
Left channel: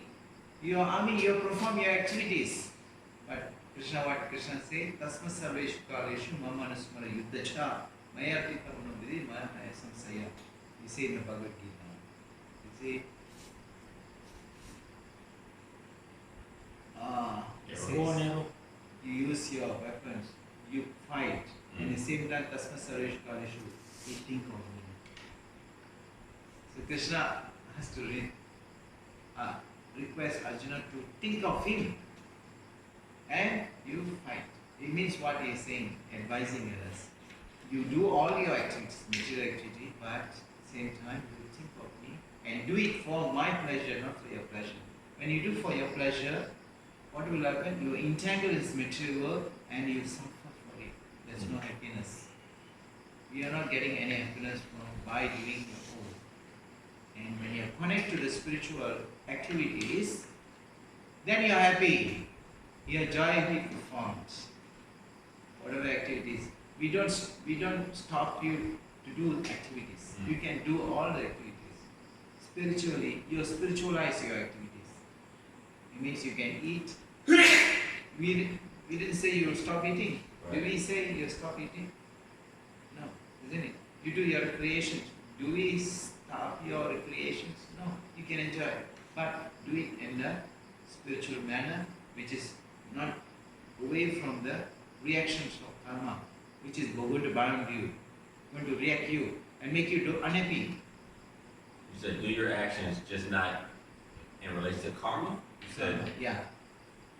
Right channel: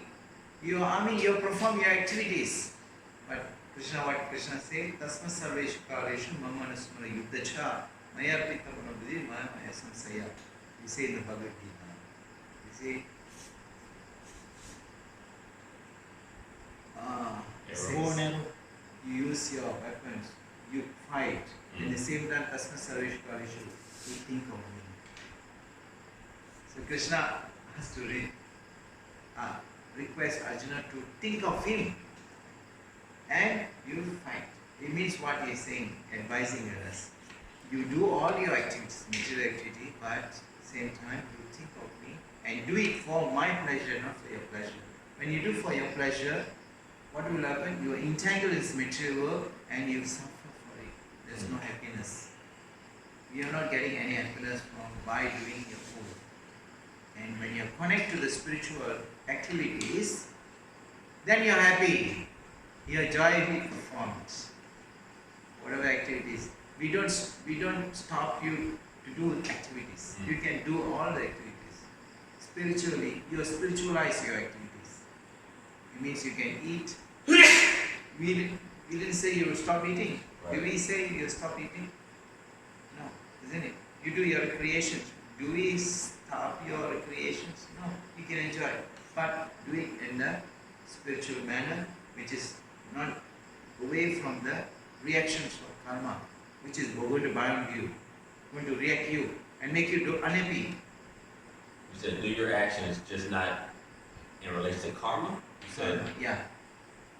You perform your activities. But what Krishna say? Tasma sarveshu kaleshu mama anusmara yuddhacha mayarpita manobhidi maya samsaya. You say in the Bhagavad Gita. You see. You use your weapons, you fight, at the same time, Tasma Sarveshu Kaleshu, you think of me. So Krishna has to request Arjuna to think of him, and you fight. It means what he is saying, advising us. You do all your activities, material activity, but at the same time, you think of me, and do it for my pleasure, not for your pleasure. When you do for your pleasure, what will happen? You are entangled in this material world and you suffer for it. There is no happiness. We are not getting any happiness by doing your own. And when you connect to the spiritual activities, then you are happy. Your joyfully performed. Whatever activities. We don't stop you to do activities. You can do all the activities. Spiritually, you spiritualize your activities. It means you can eat. We didn't say you will stop eating. Right. Do we say you stop eating? No, isn't it? You do your recreation. Do we stop pure recreations. No, you can enjoy, but do it in a spiritual manner, which is not away from the reactions of karma, which is going to bind you, going to react you and make you do unhappy. You said do your actions, just not in relation to karma? You said, Yeah,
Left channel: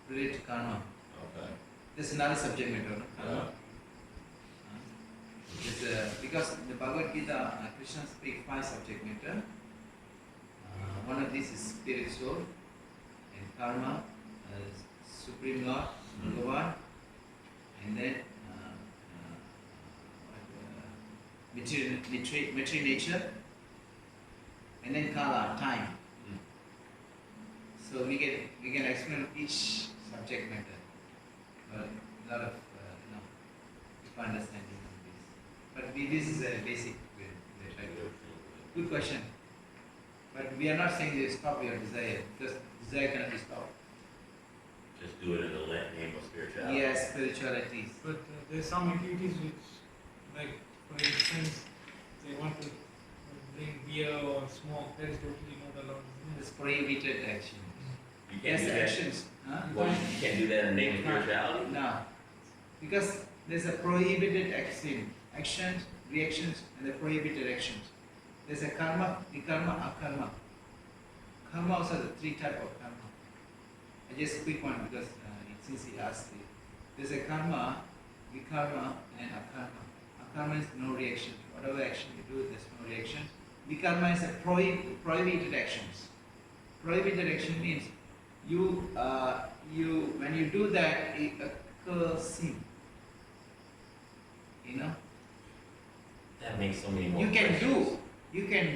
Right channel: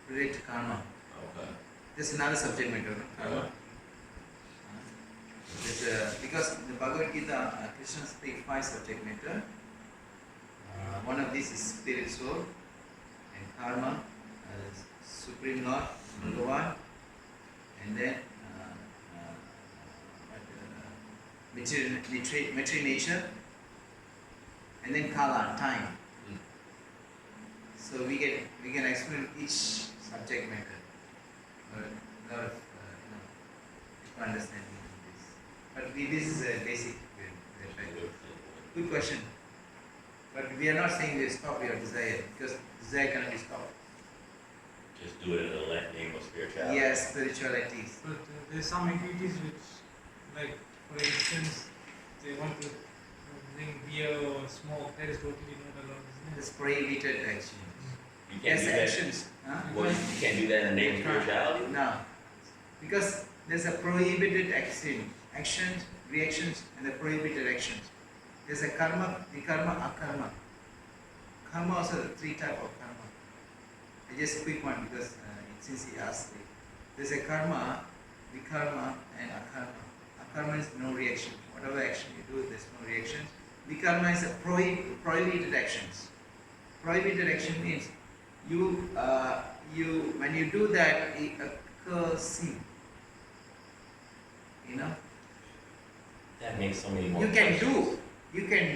relate to karma. okay. This is another subject matter, no? Karma. Because in the Bhagavad Gita, Krishna speaks 5 subject matter. One of these is spirit soul and karma, supreme Lord, Bhagavan, and then material nature, and then kala, time. So we can explain each subject matter, but a lot of people understanding of this. But this is a basic. Good question. But we are not saying to stop your desire, because desire cannot be stopped. Just do it in the name of spirituality. Yes, spiritualities. But there's some activities which, like for instance, they want to drink beer or smoke, that is totally not allowed, isn't it? It's prohibited action. You can't Yes, do that. actions. Huh? Well, you can't do that in the name of spirituality? No. Because there's a prohibited action, actions, reactions, and the prohibited actions. There's a karma, vikarma, akarma. Karma also the 3 type of karma. I just quick one because since he asked me. There's a karma, vikarma, and akarma. Akarma is no reaction. Whatever action you do, there's no reaction. Vikarma is a prohibited actions. Prohibited action means you when you do that, it occurs sin. You know. That makes so many more You can questions.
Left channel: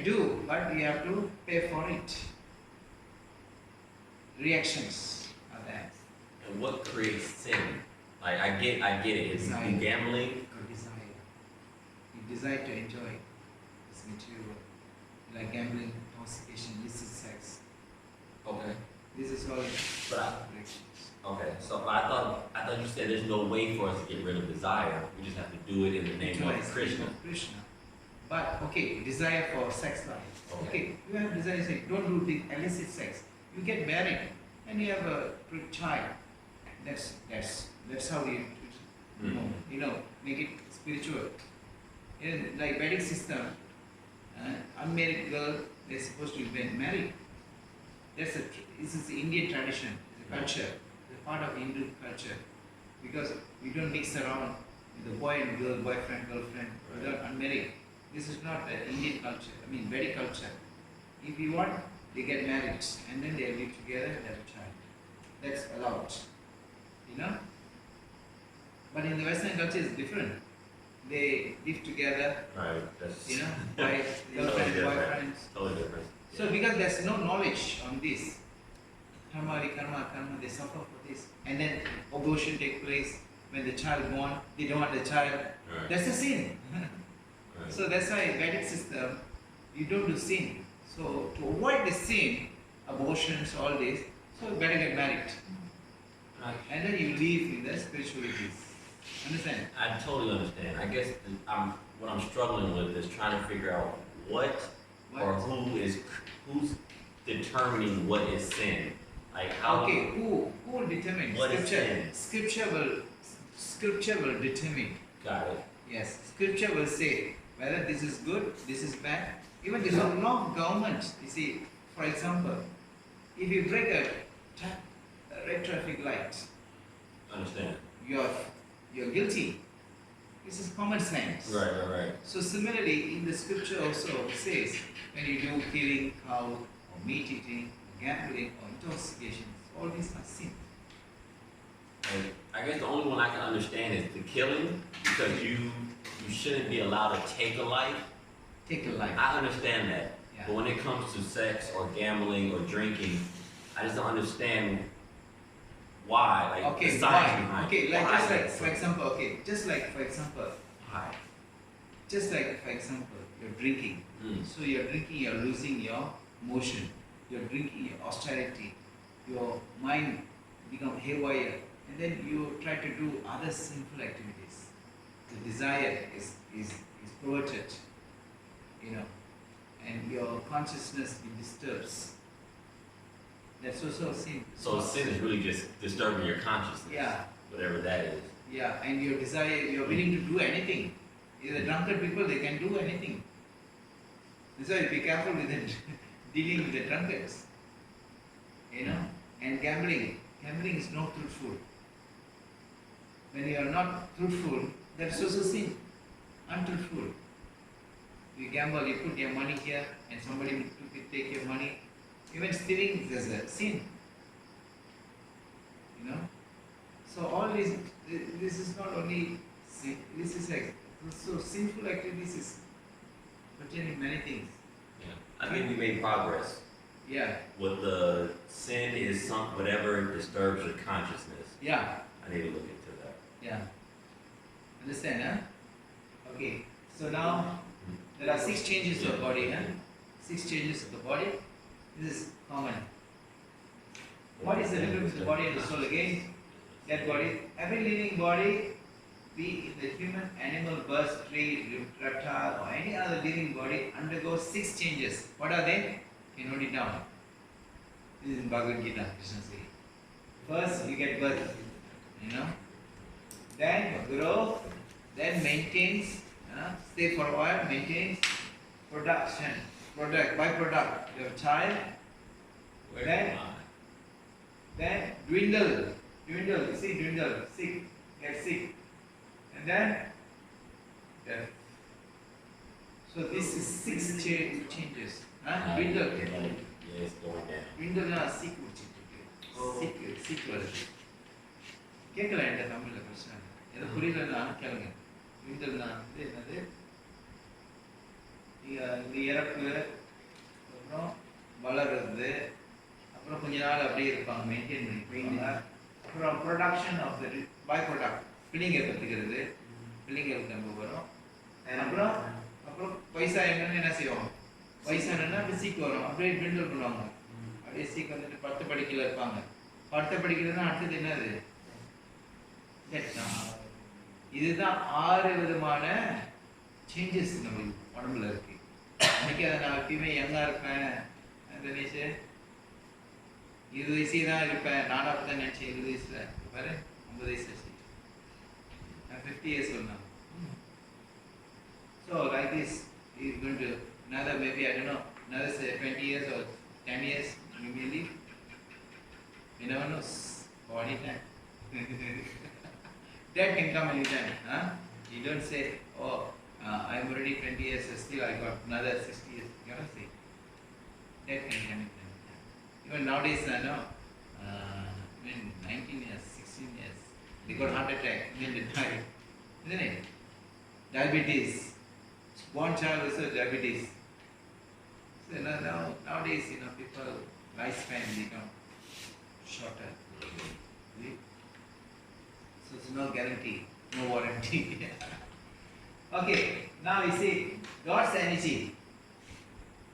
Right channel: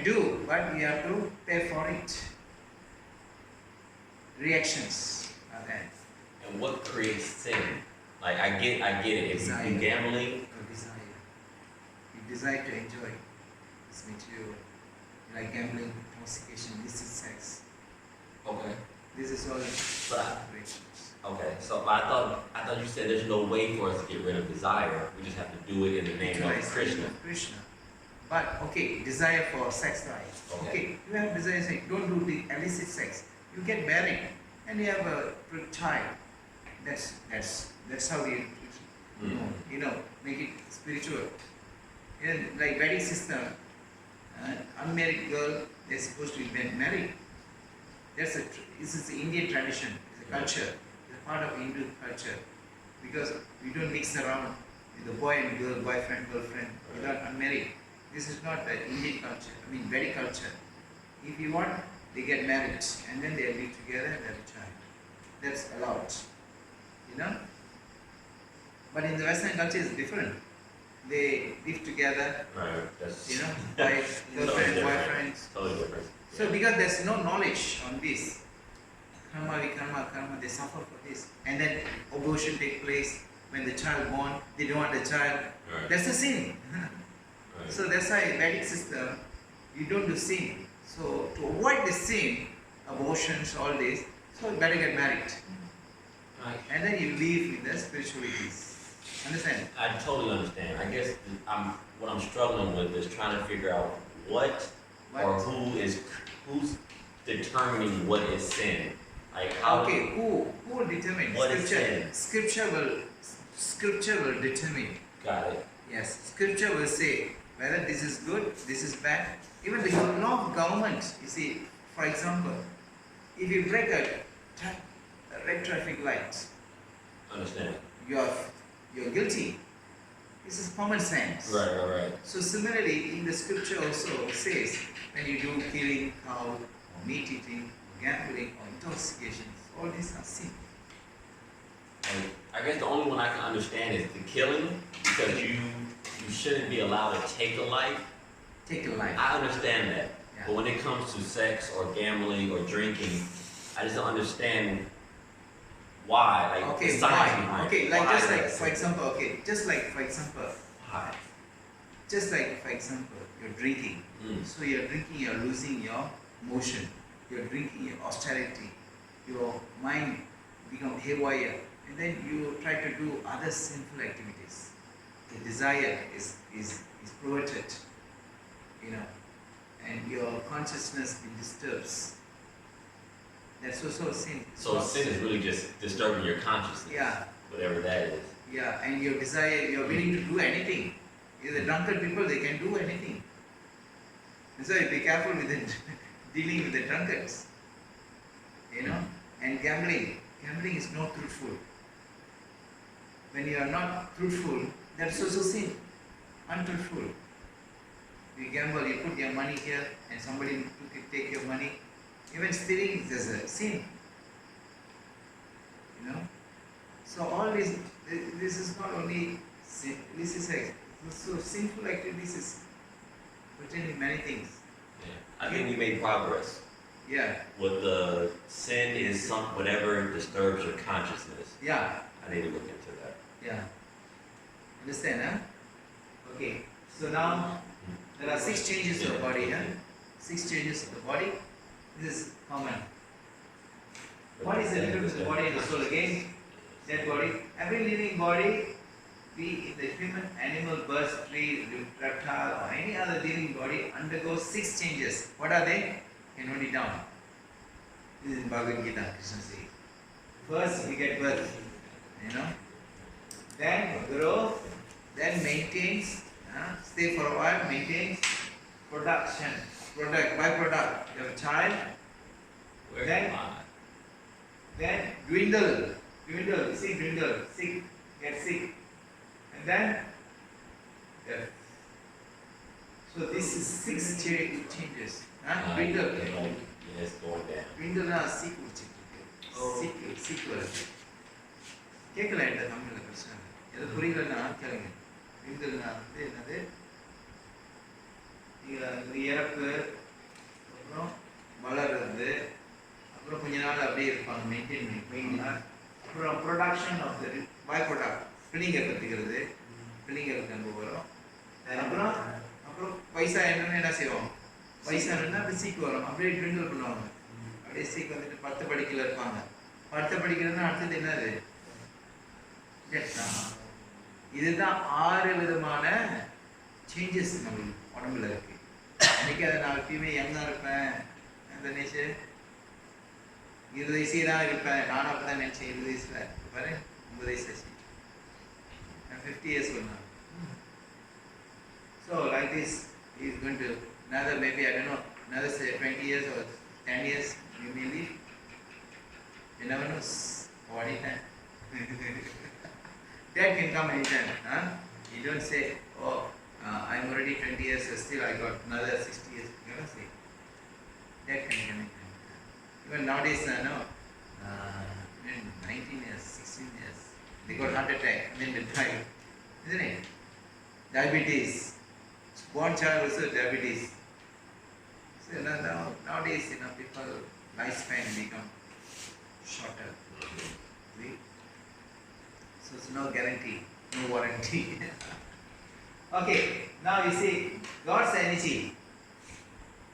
do, but you have to pay for it. Reactions are there. And what creates sin? Like I get it. If you Desire. do gambling, Or desire. You desire to enjoy this material, like gambling, intoxication, illicit sex. okay. This is all But reactions. okay. So I thought you said there's no way for us to get rid of desire. We just have to do it in the name of Utilize Krishna. Krishna. But okay, desire for sex life. Okay. Okay, you have desire sex. Don't do the illicit sex. You get married and you have a child. That's how you make it spiritual. In like wedding system, unmarried girl they're supposed to get married. This is the Indian tradition. It's a culture. It's a part of Hindu culture because we don't mix around with the boy and girl, boyfriend, girlfriend without unmarried. This is not the Indian culture. I mean, Vedic culture. If you want, they get married and then they live together and have a child. That's allowed. You know? But in the Western culture it's different. They live together, Right. That's you know, wife, girlfriend, totally different. boyfriends. Totally different. So because there's no knowledge on this, karma, vikarma, karma, they suffer for this. And then abortion take place when the child born, they don't want the child. Right. That's a sin. Right. So that's why Vedic system, you don't do sin. So to avoid the sin, abortions, all this, so you better get married. Right. And then you live in the spiritualities. Understand? I totally understand. I guess what I'm struggling with is trying to figure out what or who's determining what is sin. Like how? Okay, who will determine? What is sin? Scripture will determine. Got it. Yes, scripture will say whether this is good, this is bad. Even the law of government, you see, for example, if you break a red traffic light, Understand. you're guilty. This is common sense. Right. So similarly, in the scripture also says when you do killing, cow, or meat eating, or gambling, or intoxications, all these are sin. Like, I guess the only one I can understand is the killing, because you shouldn't be allowed to take a life. Take a life. I understand that. Yeah. But when it comes to sex or gambling or drinking, I just don't understand why. Like Okay, the science why? behind Okay, it. like Why just like that's for sin. example, Why? just like for example, you're drinking. So you're drinking, you're losing your motion. You're drinking your austerity. Your mind become haywire, and then you try to do other sinful activities. The desire is perverted. You know, and your consciousness be disturbs. That's also sin. So sin is really just disturbing your consciousness. Yeah. Whatever that is. Yeah, and your desire, you're willing to do anything. The drunkard people, they can do anything. So be careful with it, dealing with the drunkards. You know, and gambling. Gambling is not truthful. When you are not truthful, that's also sin. Untruthful. You gamble, you put your money here, and somebody take your money. Even stealing is a sin. You know. So all this is not only sin, this is so sinful activities is pertaining many things. Yeah. I think we made progress. Yeah. With the sin is whatever disturbs your consciousness. Yeah. I need to look into that. Yeah. Understand, huh? Okay. So now there are 6 changes of body, huh? 6 changes of the body. This is common. What is the difference between the body and the soul again? That body, every living body, be it the human, animal, bird, tree, reptile, or any other living body, undergoes 6 changes. What are they? You can note it down. This is in Bhagavad Gita, Krishna says. First, you get birth, you know. Then growth, then maintains, stay for a while, maintains, production, byproduct. You have a child, then dwindle, you see, sick, get sick, and then death. So this is 6 changes. Dwindle. Yes, going down. Dwindle na sick sick வருது. கேட்கல என்கிட்ட தமிழ்ல பிரச்சனை இல்லை. எது புரியலன்னா கேளுங்க. dwindleனா வந்து என்னது? இது இறப்பு, அப்புறம் வளர்றது, அப்புறம் கொஞ்ச நாள் அப்படியே இருப்பாங்க, மெயின்டைன் பண்ணிப்பாங்க. அப்புறம் production of the by product, பிள்ளைங்க கற்றுக்கிறது, பிள்ளைங்களுக்கு நம்ம வரும். அப்புறம் வயசா என்னன்னு என்ன செய்வோம்? வயசானா அப்படி சீக்கு வரும், அப்படியே ட்விண்டில் பண்ணுவாங்க, அப்படியே சீக்கு வந்துட்டு 10 படிக்கல இருப்பாங்க. 10 படிக்கிறதுனா அடுத்தது என்னது? இதுதான் 6 விதமான சேஞ்சஸ் நம்ம உடம்புல இருக்கு. அன்னைக்கு அதை நான் எப்பயுமே யங்கா இருப்பேன் தினேஷ், 20 வயசே தான் இருப்பேன், நானும் அப்படி தான் நினைச்சேன். 20 வயசுல பாரு 9 வயசு ஆச்சு, 50 years old now. So like this is going to another, maybe I don't know, another say 20 years or 10 years you may live. You never know, or anytime. That can come anytime. You don't say, oh, I'm already 20 years, still I got another 60 years. You cannot say. That can come anytime. Even nowadays, no, even 19 years, 16 years, they got heart attack and then they die. Isn't it? Diabetes. Born child also diabetes. So nowadays, people lifespan become shorter. See? So it's no guarantee, no warranty. Okay, now we see God's energy,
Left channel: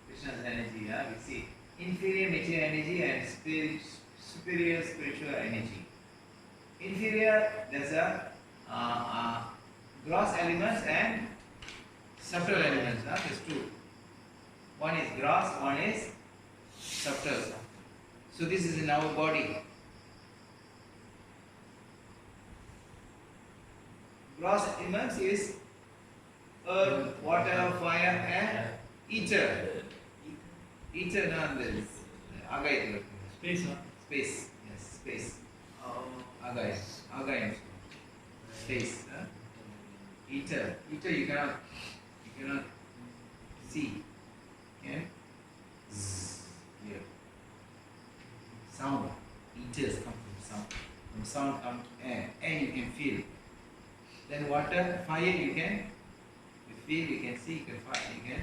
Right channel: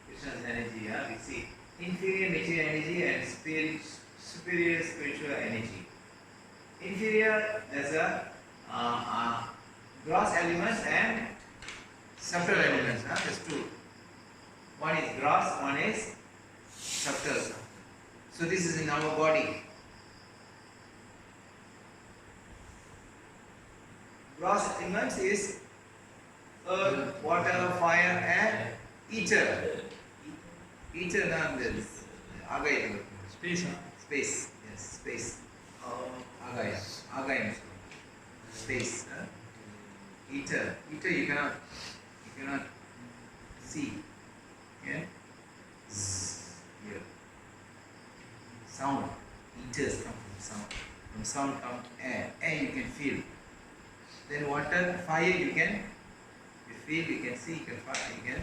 Krishna's energy. We see inferior material energy and superior spiritual energy. Inferior, there's a gross elements and subtle elements. There's 2. One is gross, one is subtle. So this is in our body. Gross elements is earth, water, fire, and ether. Ether is agayam. Space, huh? Space, yes, space. Agayam. Space. Ether. Ether you cannot see. Yeah? Here. Sound. Ethers come from sound. From sound comes air. Air you can feel. Then water, fire you can feel, you can see, you can fire, you can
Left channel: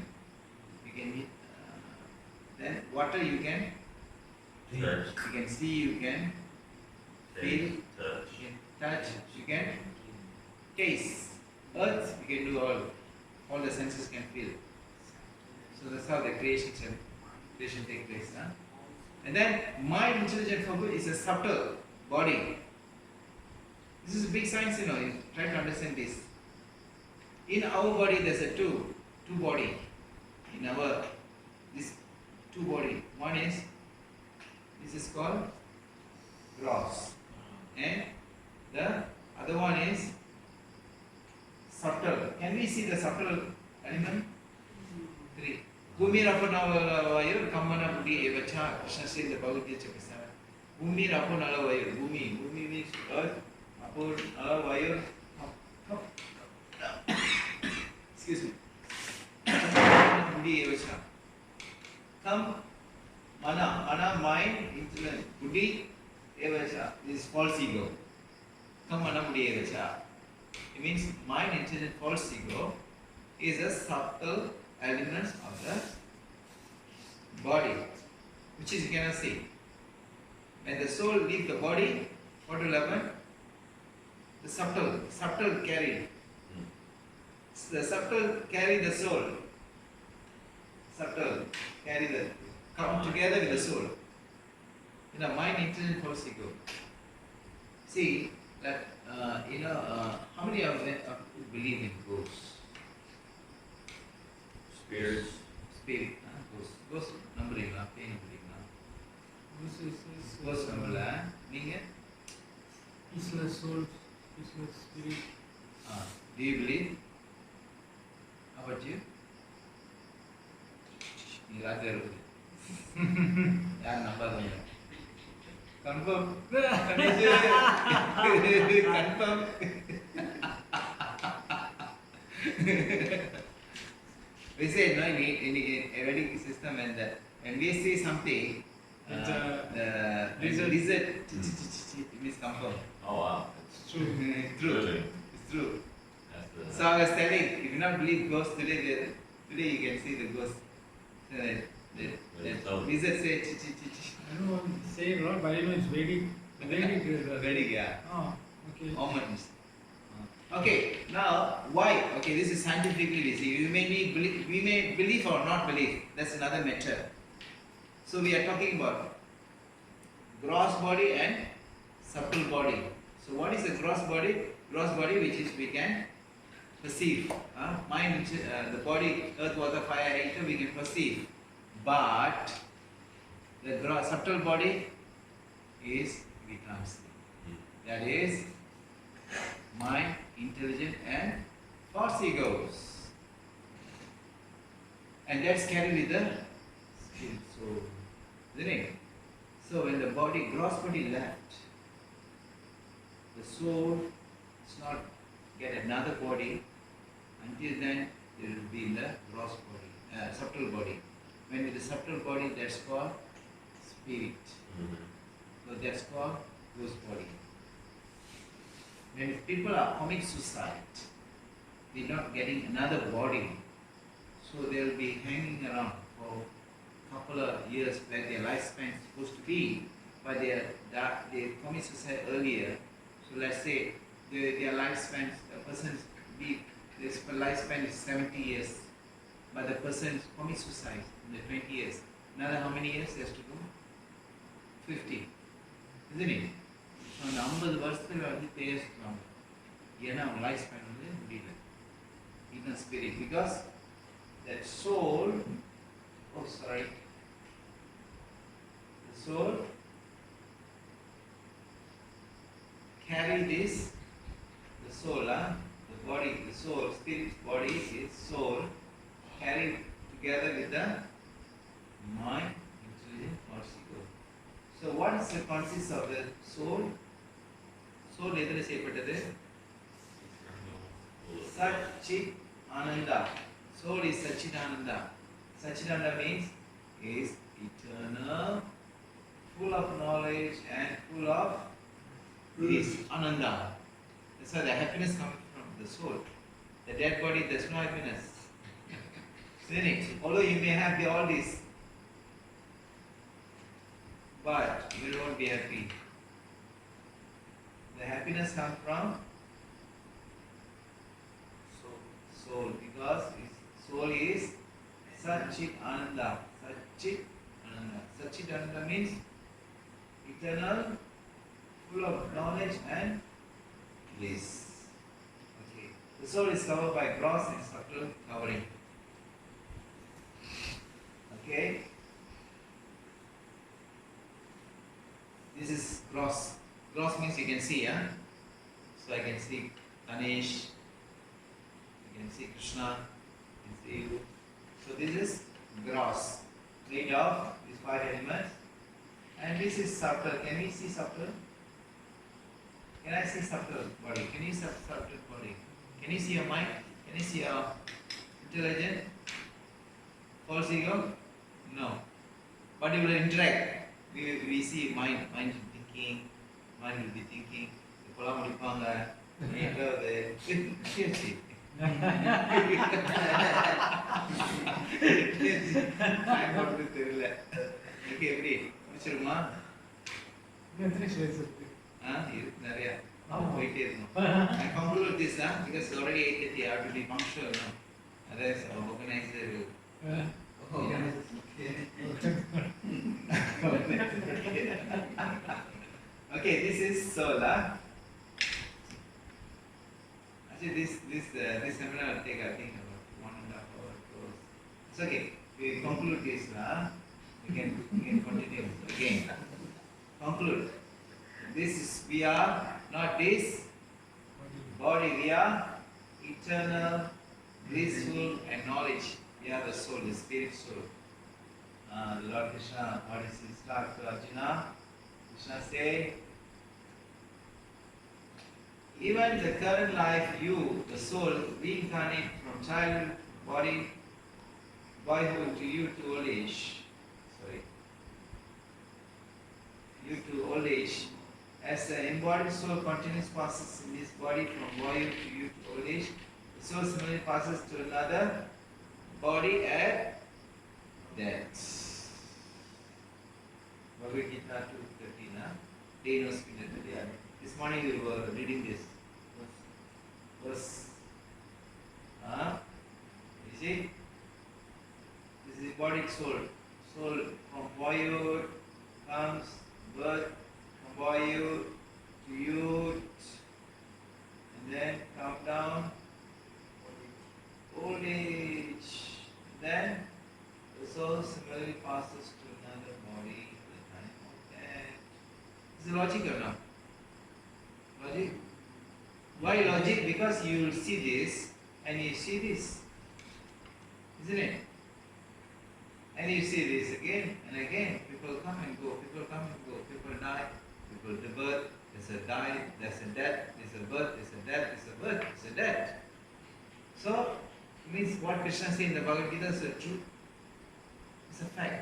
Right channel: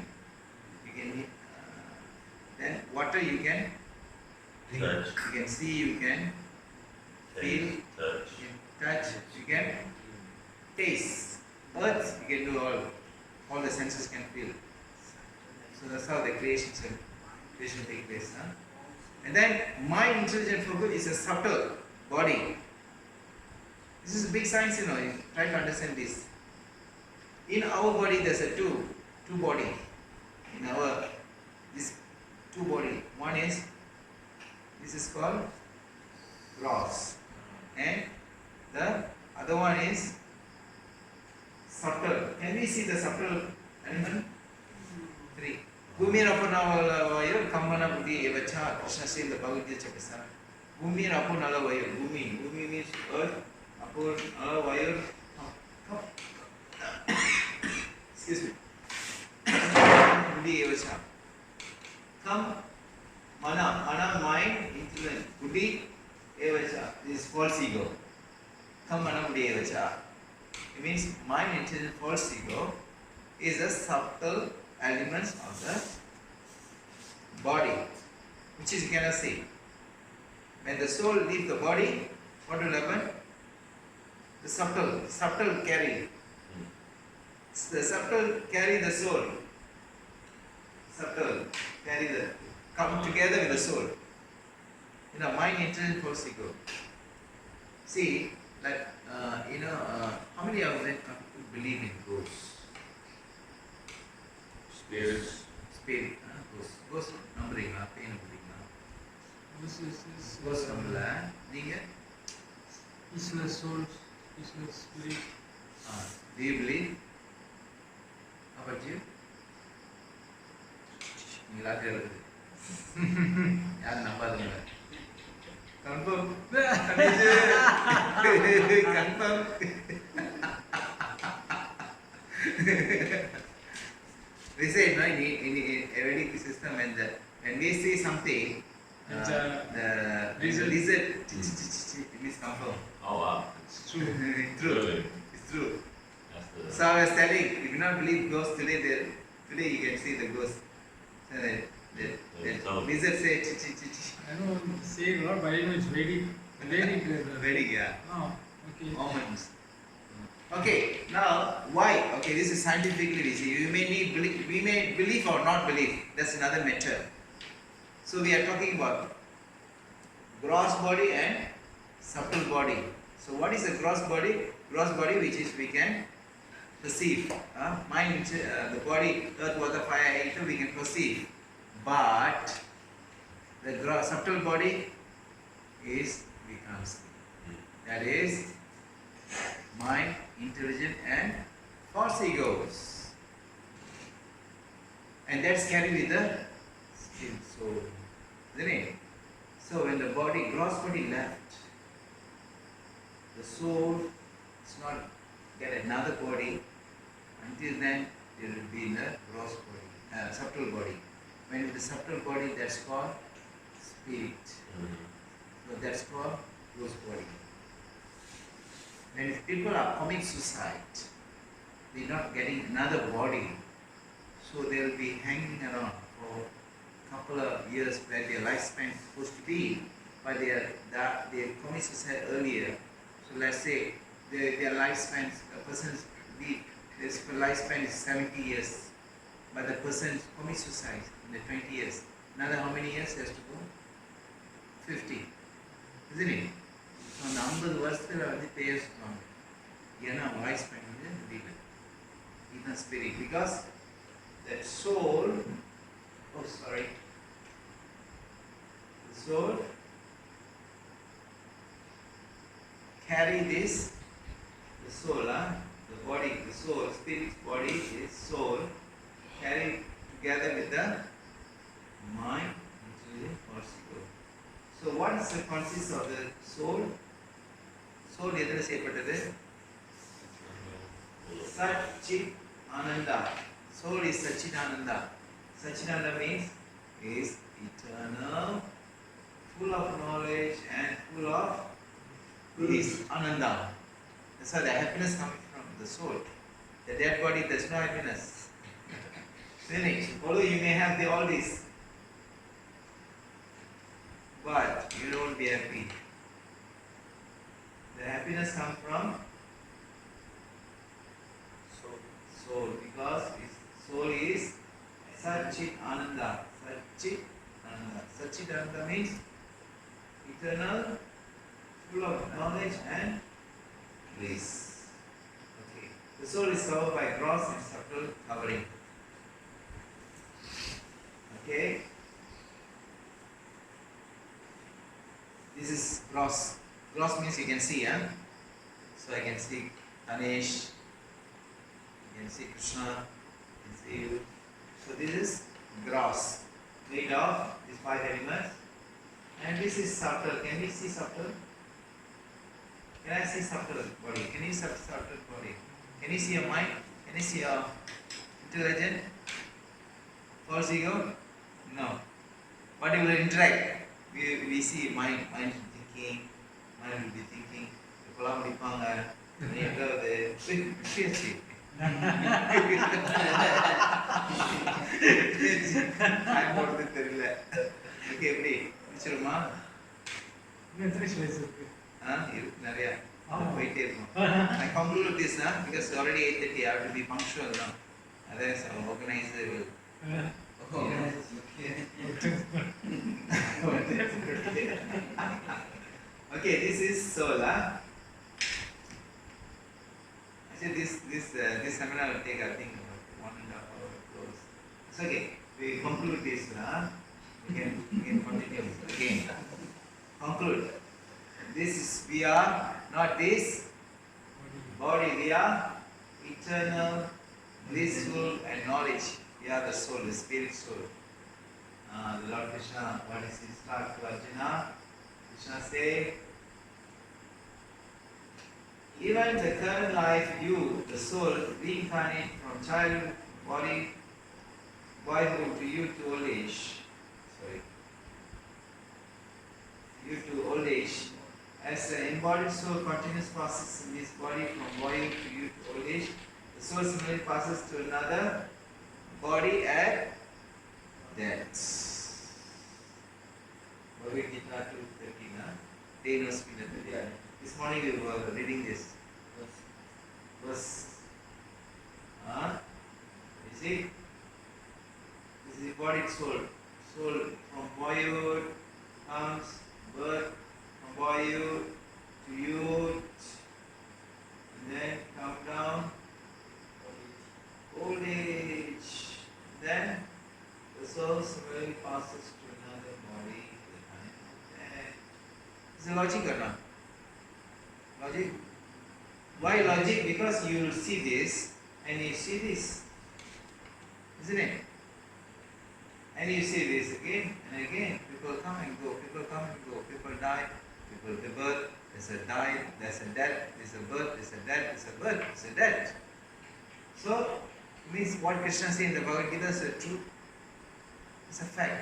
then water you can drink, touch. you can see, you can feel, touch, you can touch, you can taste. Earth you can do all the senses can feel. So that's how the creation takes place. And then mind, intelligent focus is a subtle body. This is big science, you try to understand this. In our body, there's a two body. In our two body. One is, this is called gross, and the other one is subtle. Can we see the subtle element? Three. Bhumi Rapunala Vayu, Kamana Budi Evacha, Shasil the Bhagavad Chakasa. Bhumi Rapunala Vayu, Bhumi. Bhumi means earth, Apun Ala Vayu. Excuse me. Budi Evacha. Come, Mana, mind, intellect. Budi Evacha. This is false ego. Come, Mana Budi Evacha. It means mind, intelligent, false ego is a subtle elements of the body, which is you cannot see. When the soul leaves the body, what will happen? The subtle carry. The subtle carry the soul. Subtle carry the, come together with the soul. You know, mind, intelligent, false ego. See, like, how many of them believe in ghosts? Spirits. Spirit, ghost numbering, pain numbering. This Ghost number, நீங்க? peaceless souls, peaceless spirit. Do you believe? How about you? நீங்க ராத்திரி இருக்குது. யாரும் நம்பாதீங்க. Confirm. Confirm. We say no in a Vedic system when we see something, the lizard it means confirm. Oh wow. It's true. True. Good. It's true. That's the. So I was telling, if you not believe ghosts today you can see the ghost. So the lizard say chi chi chi chi. I don't want to say it a lot, but I know it's Vedic. Vedic, yeah. Oh, okay. Omens. Okay, now why? Okay, this is scientifically we see. We may believe or not believe. That's another matter. So we are talking about gross body and subtle body. So what is the gross body? Gross body, which is we can perceive. Mind, the body, earth, water, fire, air, we can perceive. But the subtle body is we can't see. That is mind, intelligent, and false egos. And that's carried with the spirit soul. Isn't it? So when the body, gross body left, the soul does not get another body. Until then, it will be in the gross body, subtle body. When with the subtle body, that's called spirit. So that's called gross body. When if people are committing suicide, they're not getting another body, so they'll be hanging around for a couple of years where their lifespan is supposed to be, but they commit suicide earlier. So let's say their lifespan, a person's his lifespan is 70 years, but the person commits suicide in the 20 years. Another how many years has to go? 50. Isn't it? So அந்த 50 வருஷத்துல பேர் சொல்லுவாங்க. ஏன்னா அவங்க life span முடியல. இதுதான் spirit. Because that soul, the soul carry this, the soul, the body, the soul, spirit body is soul, carried together with the mind, intelligence, or ego. So what is the consists of the soul? Soul எதில் செய்யப்பட்டது? Satchit Ananda. Soul is Satchit Ananda. Satchit Ananda means is eternal, full of knowledge and full of bliss, Ananda. That's why the happiness comes from the soul. The dead body does no happiness. Isn't it? Although you may have all this, but you won't be happy. The happiness comes from soul, because soul is Satchit Ananda. Satchit Ananda. Satchit Ananda means eternal, full of knowledge and bliss. Okay. The soul is covered by gross and subtle covering. Okay. This is gross. Gross means you can see, huh? So I can see Ganesh, I can see Krishna, I can see you. So this is gross, made of these 5 elements. And this is subtle. Can we see subtle? Can I see subtle body? Can you see subtle body? Can you see your mind? Can you see your intelligence? False ego? No. But you will interact. We see mind thinking, mind will be thinking. Pola முடிப்பாங்க நீங்களது பேசி time போறது தெரியல okay எப்படி முடிச்சிருமா இருக்கு நிறைய போயிட்டே இருக்கும் I conclude this now because it's already 8:30 I have to be punctual now otherwise our organizer will okay this is soul actually this seminar will take I think about 1.5 hours close. It's okay we conclude this we can continue again conclude this is we are not this body we are eternal blissful and knowledge we are the soul the spirit soul the Lord Krishna what is his talk to Arjuna Krishna say even the current life you the soul reincarnate from childhood body boyhood to youth to old age you to old age as the embodied soul continues passes in this body from boyhood to youth to old age the soul similarly passes to another body at death Bhagavad Gita 2:13 day no spin at the day this morning we were reading this verse you see this is embodied soul from boyhood comes birth from boyhood to youth and then come down old age and then the soul similarly passes to another body at the time of death. Is it logic or not? Logic? Why logic? Because you will see this and you see this, isn't it? And you see this again and again. People come and go. People come and go. People die. People the birth. There's a die. There's a death. There's a birth. There's a death. There's a birth. There's a death. So it means what Krishna says in the Bhagavad Gita is a truth. It's a fact.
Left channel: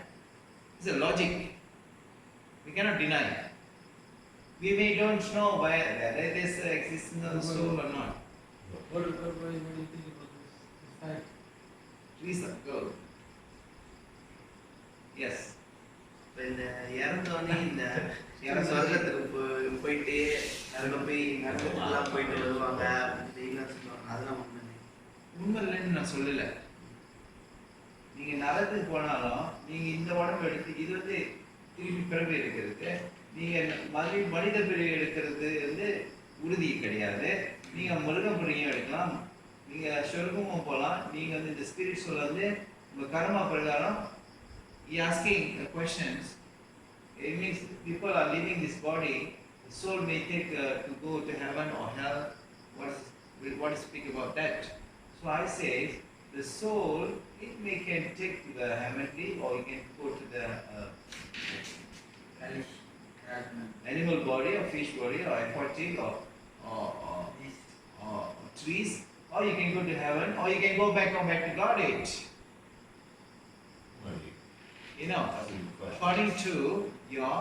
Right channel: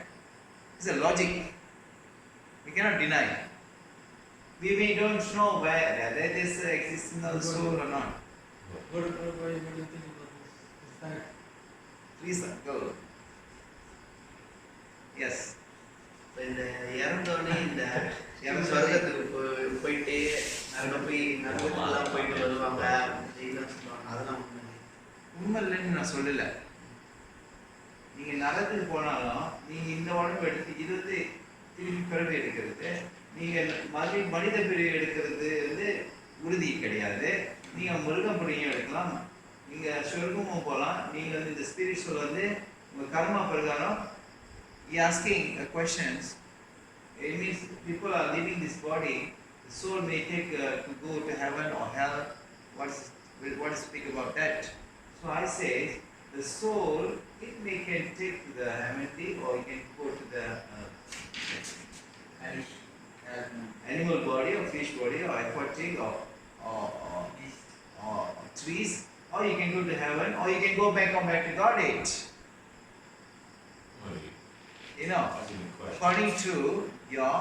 It's a logic. We cannot deny. We may don't know whether there is existence of the soul or not. What do you think about this fact? Please go. Yes. இப்போ இந்த இறந்தோடனே இந்த சொர்க்கத்துக்கு போயிட்டு நரகம் போய் நரகத்துக்குலாம் போயிட்டு வருவாங்க அப்படின்னு சொல்லுவாங்க அதெல்லாம் உண்மை இல்லைன்னு நான் சொல்லலை நீங்கள் நரகத்துக்கு போனாலும் நீங்கள் இந்த உடம்பு எடுத்து இது வந்து திருப்பி பிறவி எடுக்கிறது நீங்கள் மனித பிறவி எடுக்கிறது வந்து உறுதி கிடையாது நீங்கள் மிருகம் பிறவியும் எடுக்கலாம் நீங்கள் சொர்க்கமும் போகலாம் நீங்கள் வந்து இந்த ஸ்பிரிட் சோல் வந்து உங்கள் கர்மா பிரகாரம் asking questions it means people are leaving this body the soul may take to go to heaven or hell what is speak about that so I say the soul it may can take to the heavenly or it can go to the animal body or fish body or aquatic or trees or you can go to heaven or you can go back to Godhead. You know, according to your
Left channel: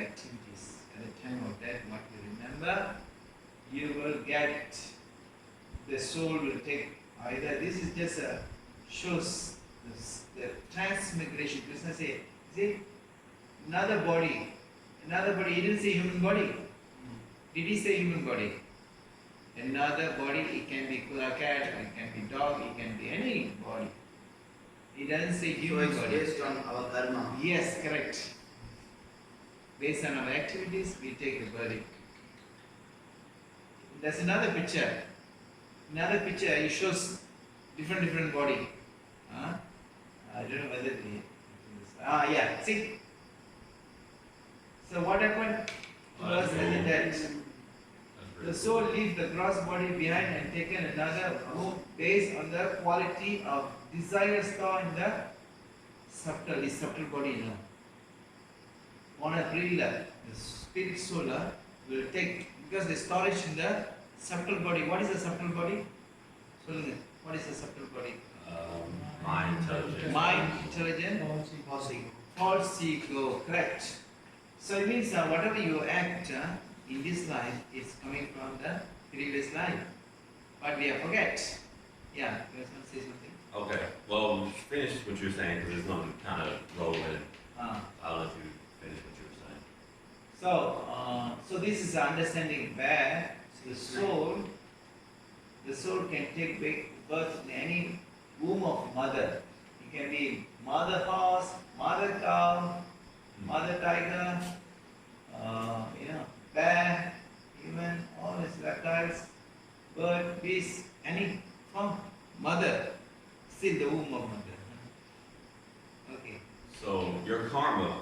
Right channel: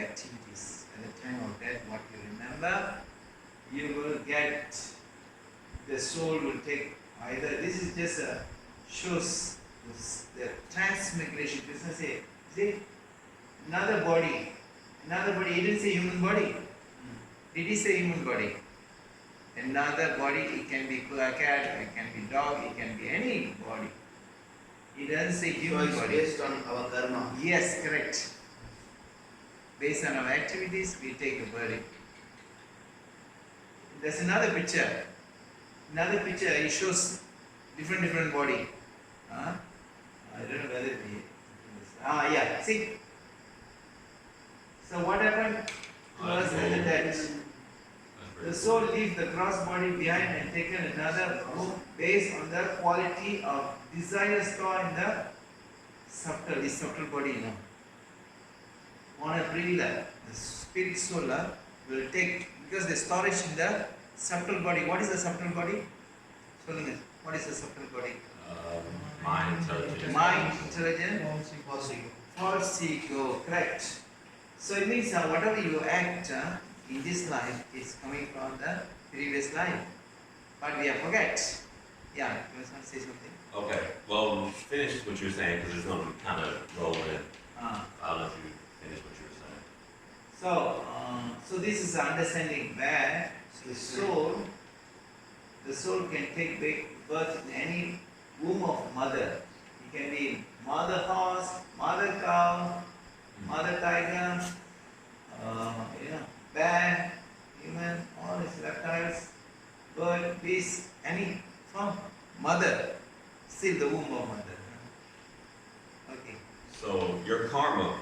activities at the time of death, what you remember, you will get, the soul will take either, this is just a shows the transmigration. Krishna say, see, another body, he didn't say human body. Did he say human body? Another body, it can be cat, it can be dog, it can be any body. It doesn't say human body. Based on our karma. Yes, correct. Based on our activities, we take the body. There's another picture. Another picture, it shows different body. I don't know whether yeah, see. So what happened to us in the death? The soul leaves the gross body behind and taken another room based on the quality of desire stored in the subtle body, you know. On a pre-life, the spirit soul will take, because the storage in the subtle body. What is the subtle body? What is the subtle body? Mind, intelligence. Mind, intelligence, False ego. false ego, correct. So it means whatever you act in this life is coming from the previous life. But we forget. Yeah, you want to say something? Okay, well, finish what you were saying because it's going to kind of roll in. I'll let you finish what you were saying. So this is the understanding where the soul can take birth in any womb of mother. It can be mother horse, mother cow, mother tiger, bear, even all these reptiles, bird, beast, any from mother, still the womb of mother. Okay. So your karma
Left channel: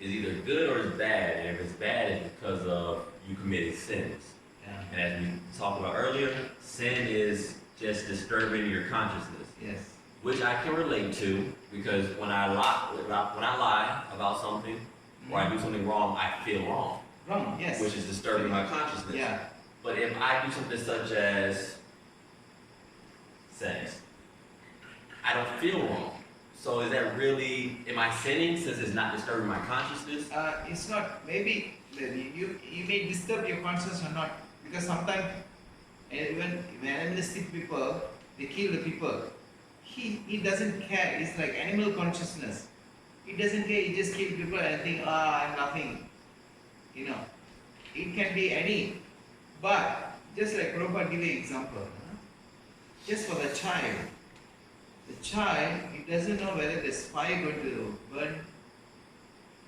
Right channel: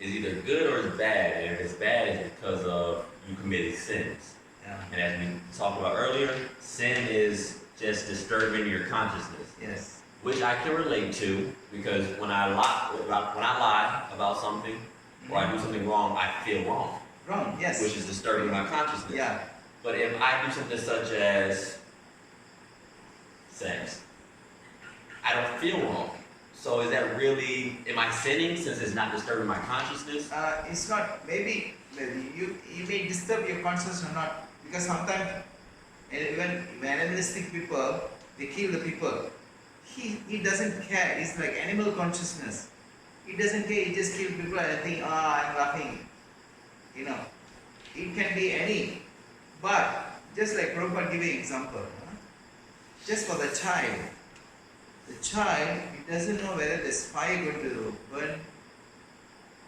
is either good or it's bad, and if it's bad, it's because of you committed sins. Yeah. And as we talked about earlier, sin is just disturbing your consciousness, Yes. which I can relate to because when I lie about something or I do something wrong, I feel wrong, Wrong. Yes. which is disturbing my consciousness. Yeah. But if I do something such as sex, I don't feel wrong. So is that really, am I sinning since it's not disturbing my consciousness? It's not. Maybe you may disturb your consciousness or not, because sometimes even animalistic people, they kill the people. He doesn't care. It's like animal consciousness. He doesn't care. He just kills people and think, I'm laughing. You know, it can be any. But just like Prabhupada giving example, just for the child, he doesn't know whether there's fire going to burn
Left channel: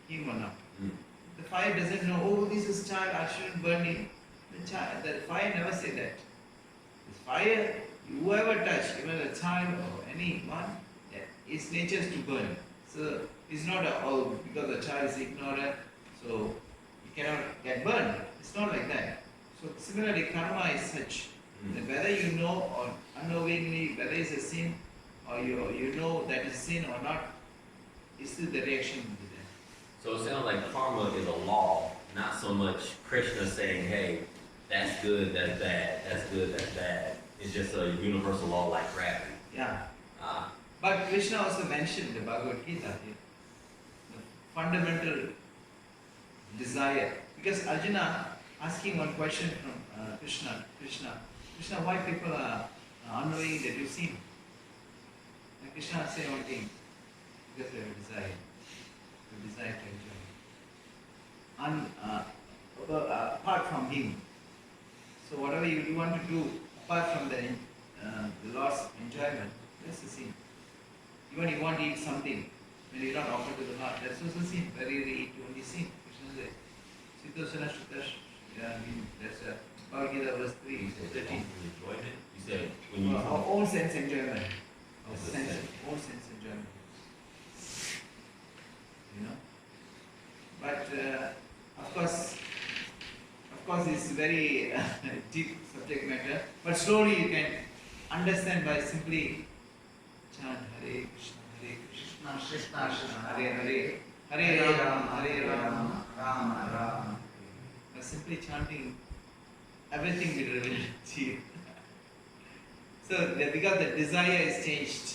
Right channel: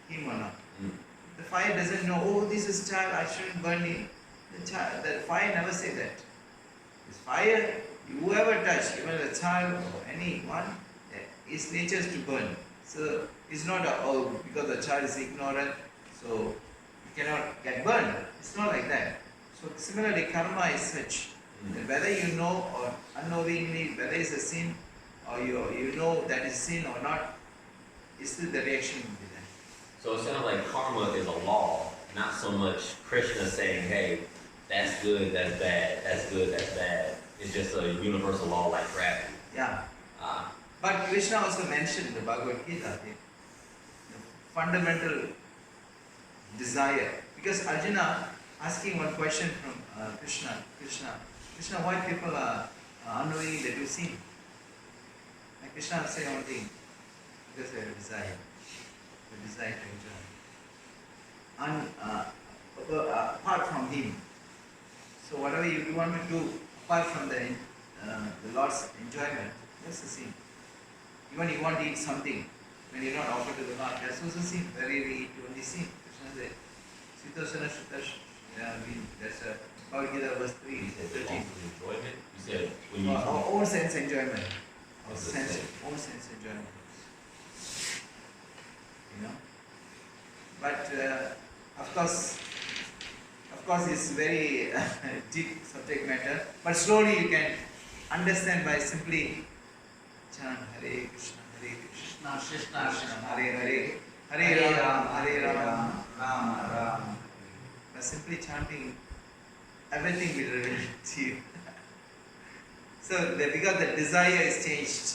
him or not. The fire doesn't know, oh, this is child, I shouldn't burn him. The fire never say that. This fire, whoever touch, even a child or anyone, its nature is to burn. So it's not because the child is ignorant, so he cannot get burned. It's not like that. So similarly, karma is such that whether you know or unknowingly, whether it's a sin or you know that is sin or not, still the reaction will be there. So it sounds like karma is a law, not so much Krishna saying, hey, that's good, that's bad, that's good, that's bad. It's just a universal law like gravity. Yeah. But Krishna also mentioned in the Bhagavad Gita the fundamental desire. Because Arjuna asking one question from Krishna, why people are unknowing that you sin? And Krishna say one thing, because they have a desire. The desire to enjoy. Apart from him. So whatever you want to do, apart from the Lord's enjoyment, that's the sin. Even you want to eat something, when you not offer to the Lord, that's also sin. Very eat only sin. Krishna said, Sitosana Shutash, that's Bhagavad Gita verse 3, he said, 13. Enjoyment? You said when you... Our own sense enjoyment. Our Of the sense, sin. own sense enjoyment. You know? But of course it's very deep subject matter. But slowly you can understand by simply chant Hare Krishna, Krishna Krishna, Hare Hare, Hare Rama, Rama Rama. By simply chanting, everything will reveal to you. So because the desire is changed,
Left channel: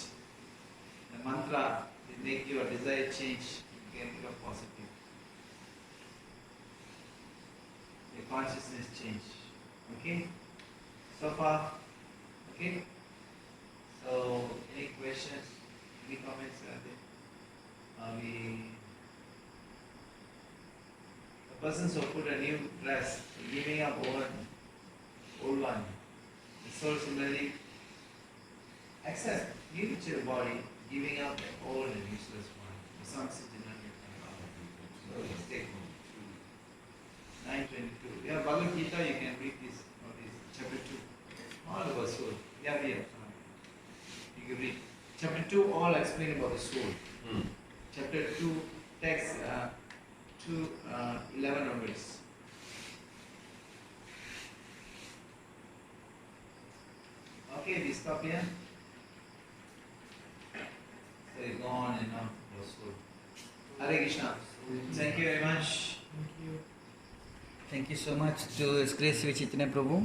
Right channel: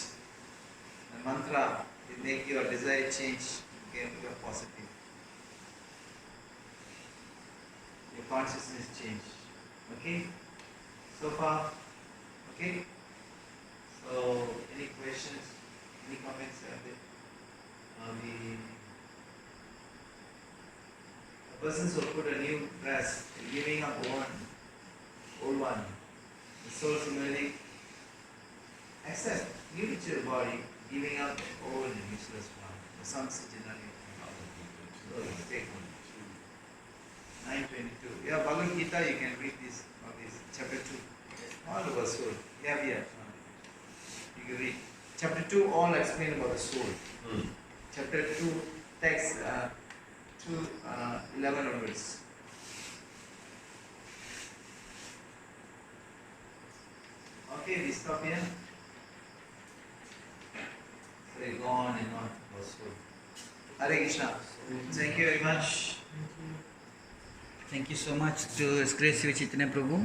the mantra will make your desire change, you can become positive. Your consciousness change. Okay? So far? Okay? So, any questions? Any comments? The persons who put a new dress, giving up old one. The soul similarly accept, give it to your body, giving up the old and useless one. For some situations, so take 9:22. Yeah, Bhagavad Gita, you can read this, or this, chapter 2. All about soul. Yeah, you can read. Chapter 2, all explain about the soul. Chapter 2, text to 11 onwards. Okay, we stop here. So we go on and on. Hare Krishna. Thank you very much. Thank you. Thank you so much to His Grace Sri Chaitanya Prabhu.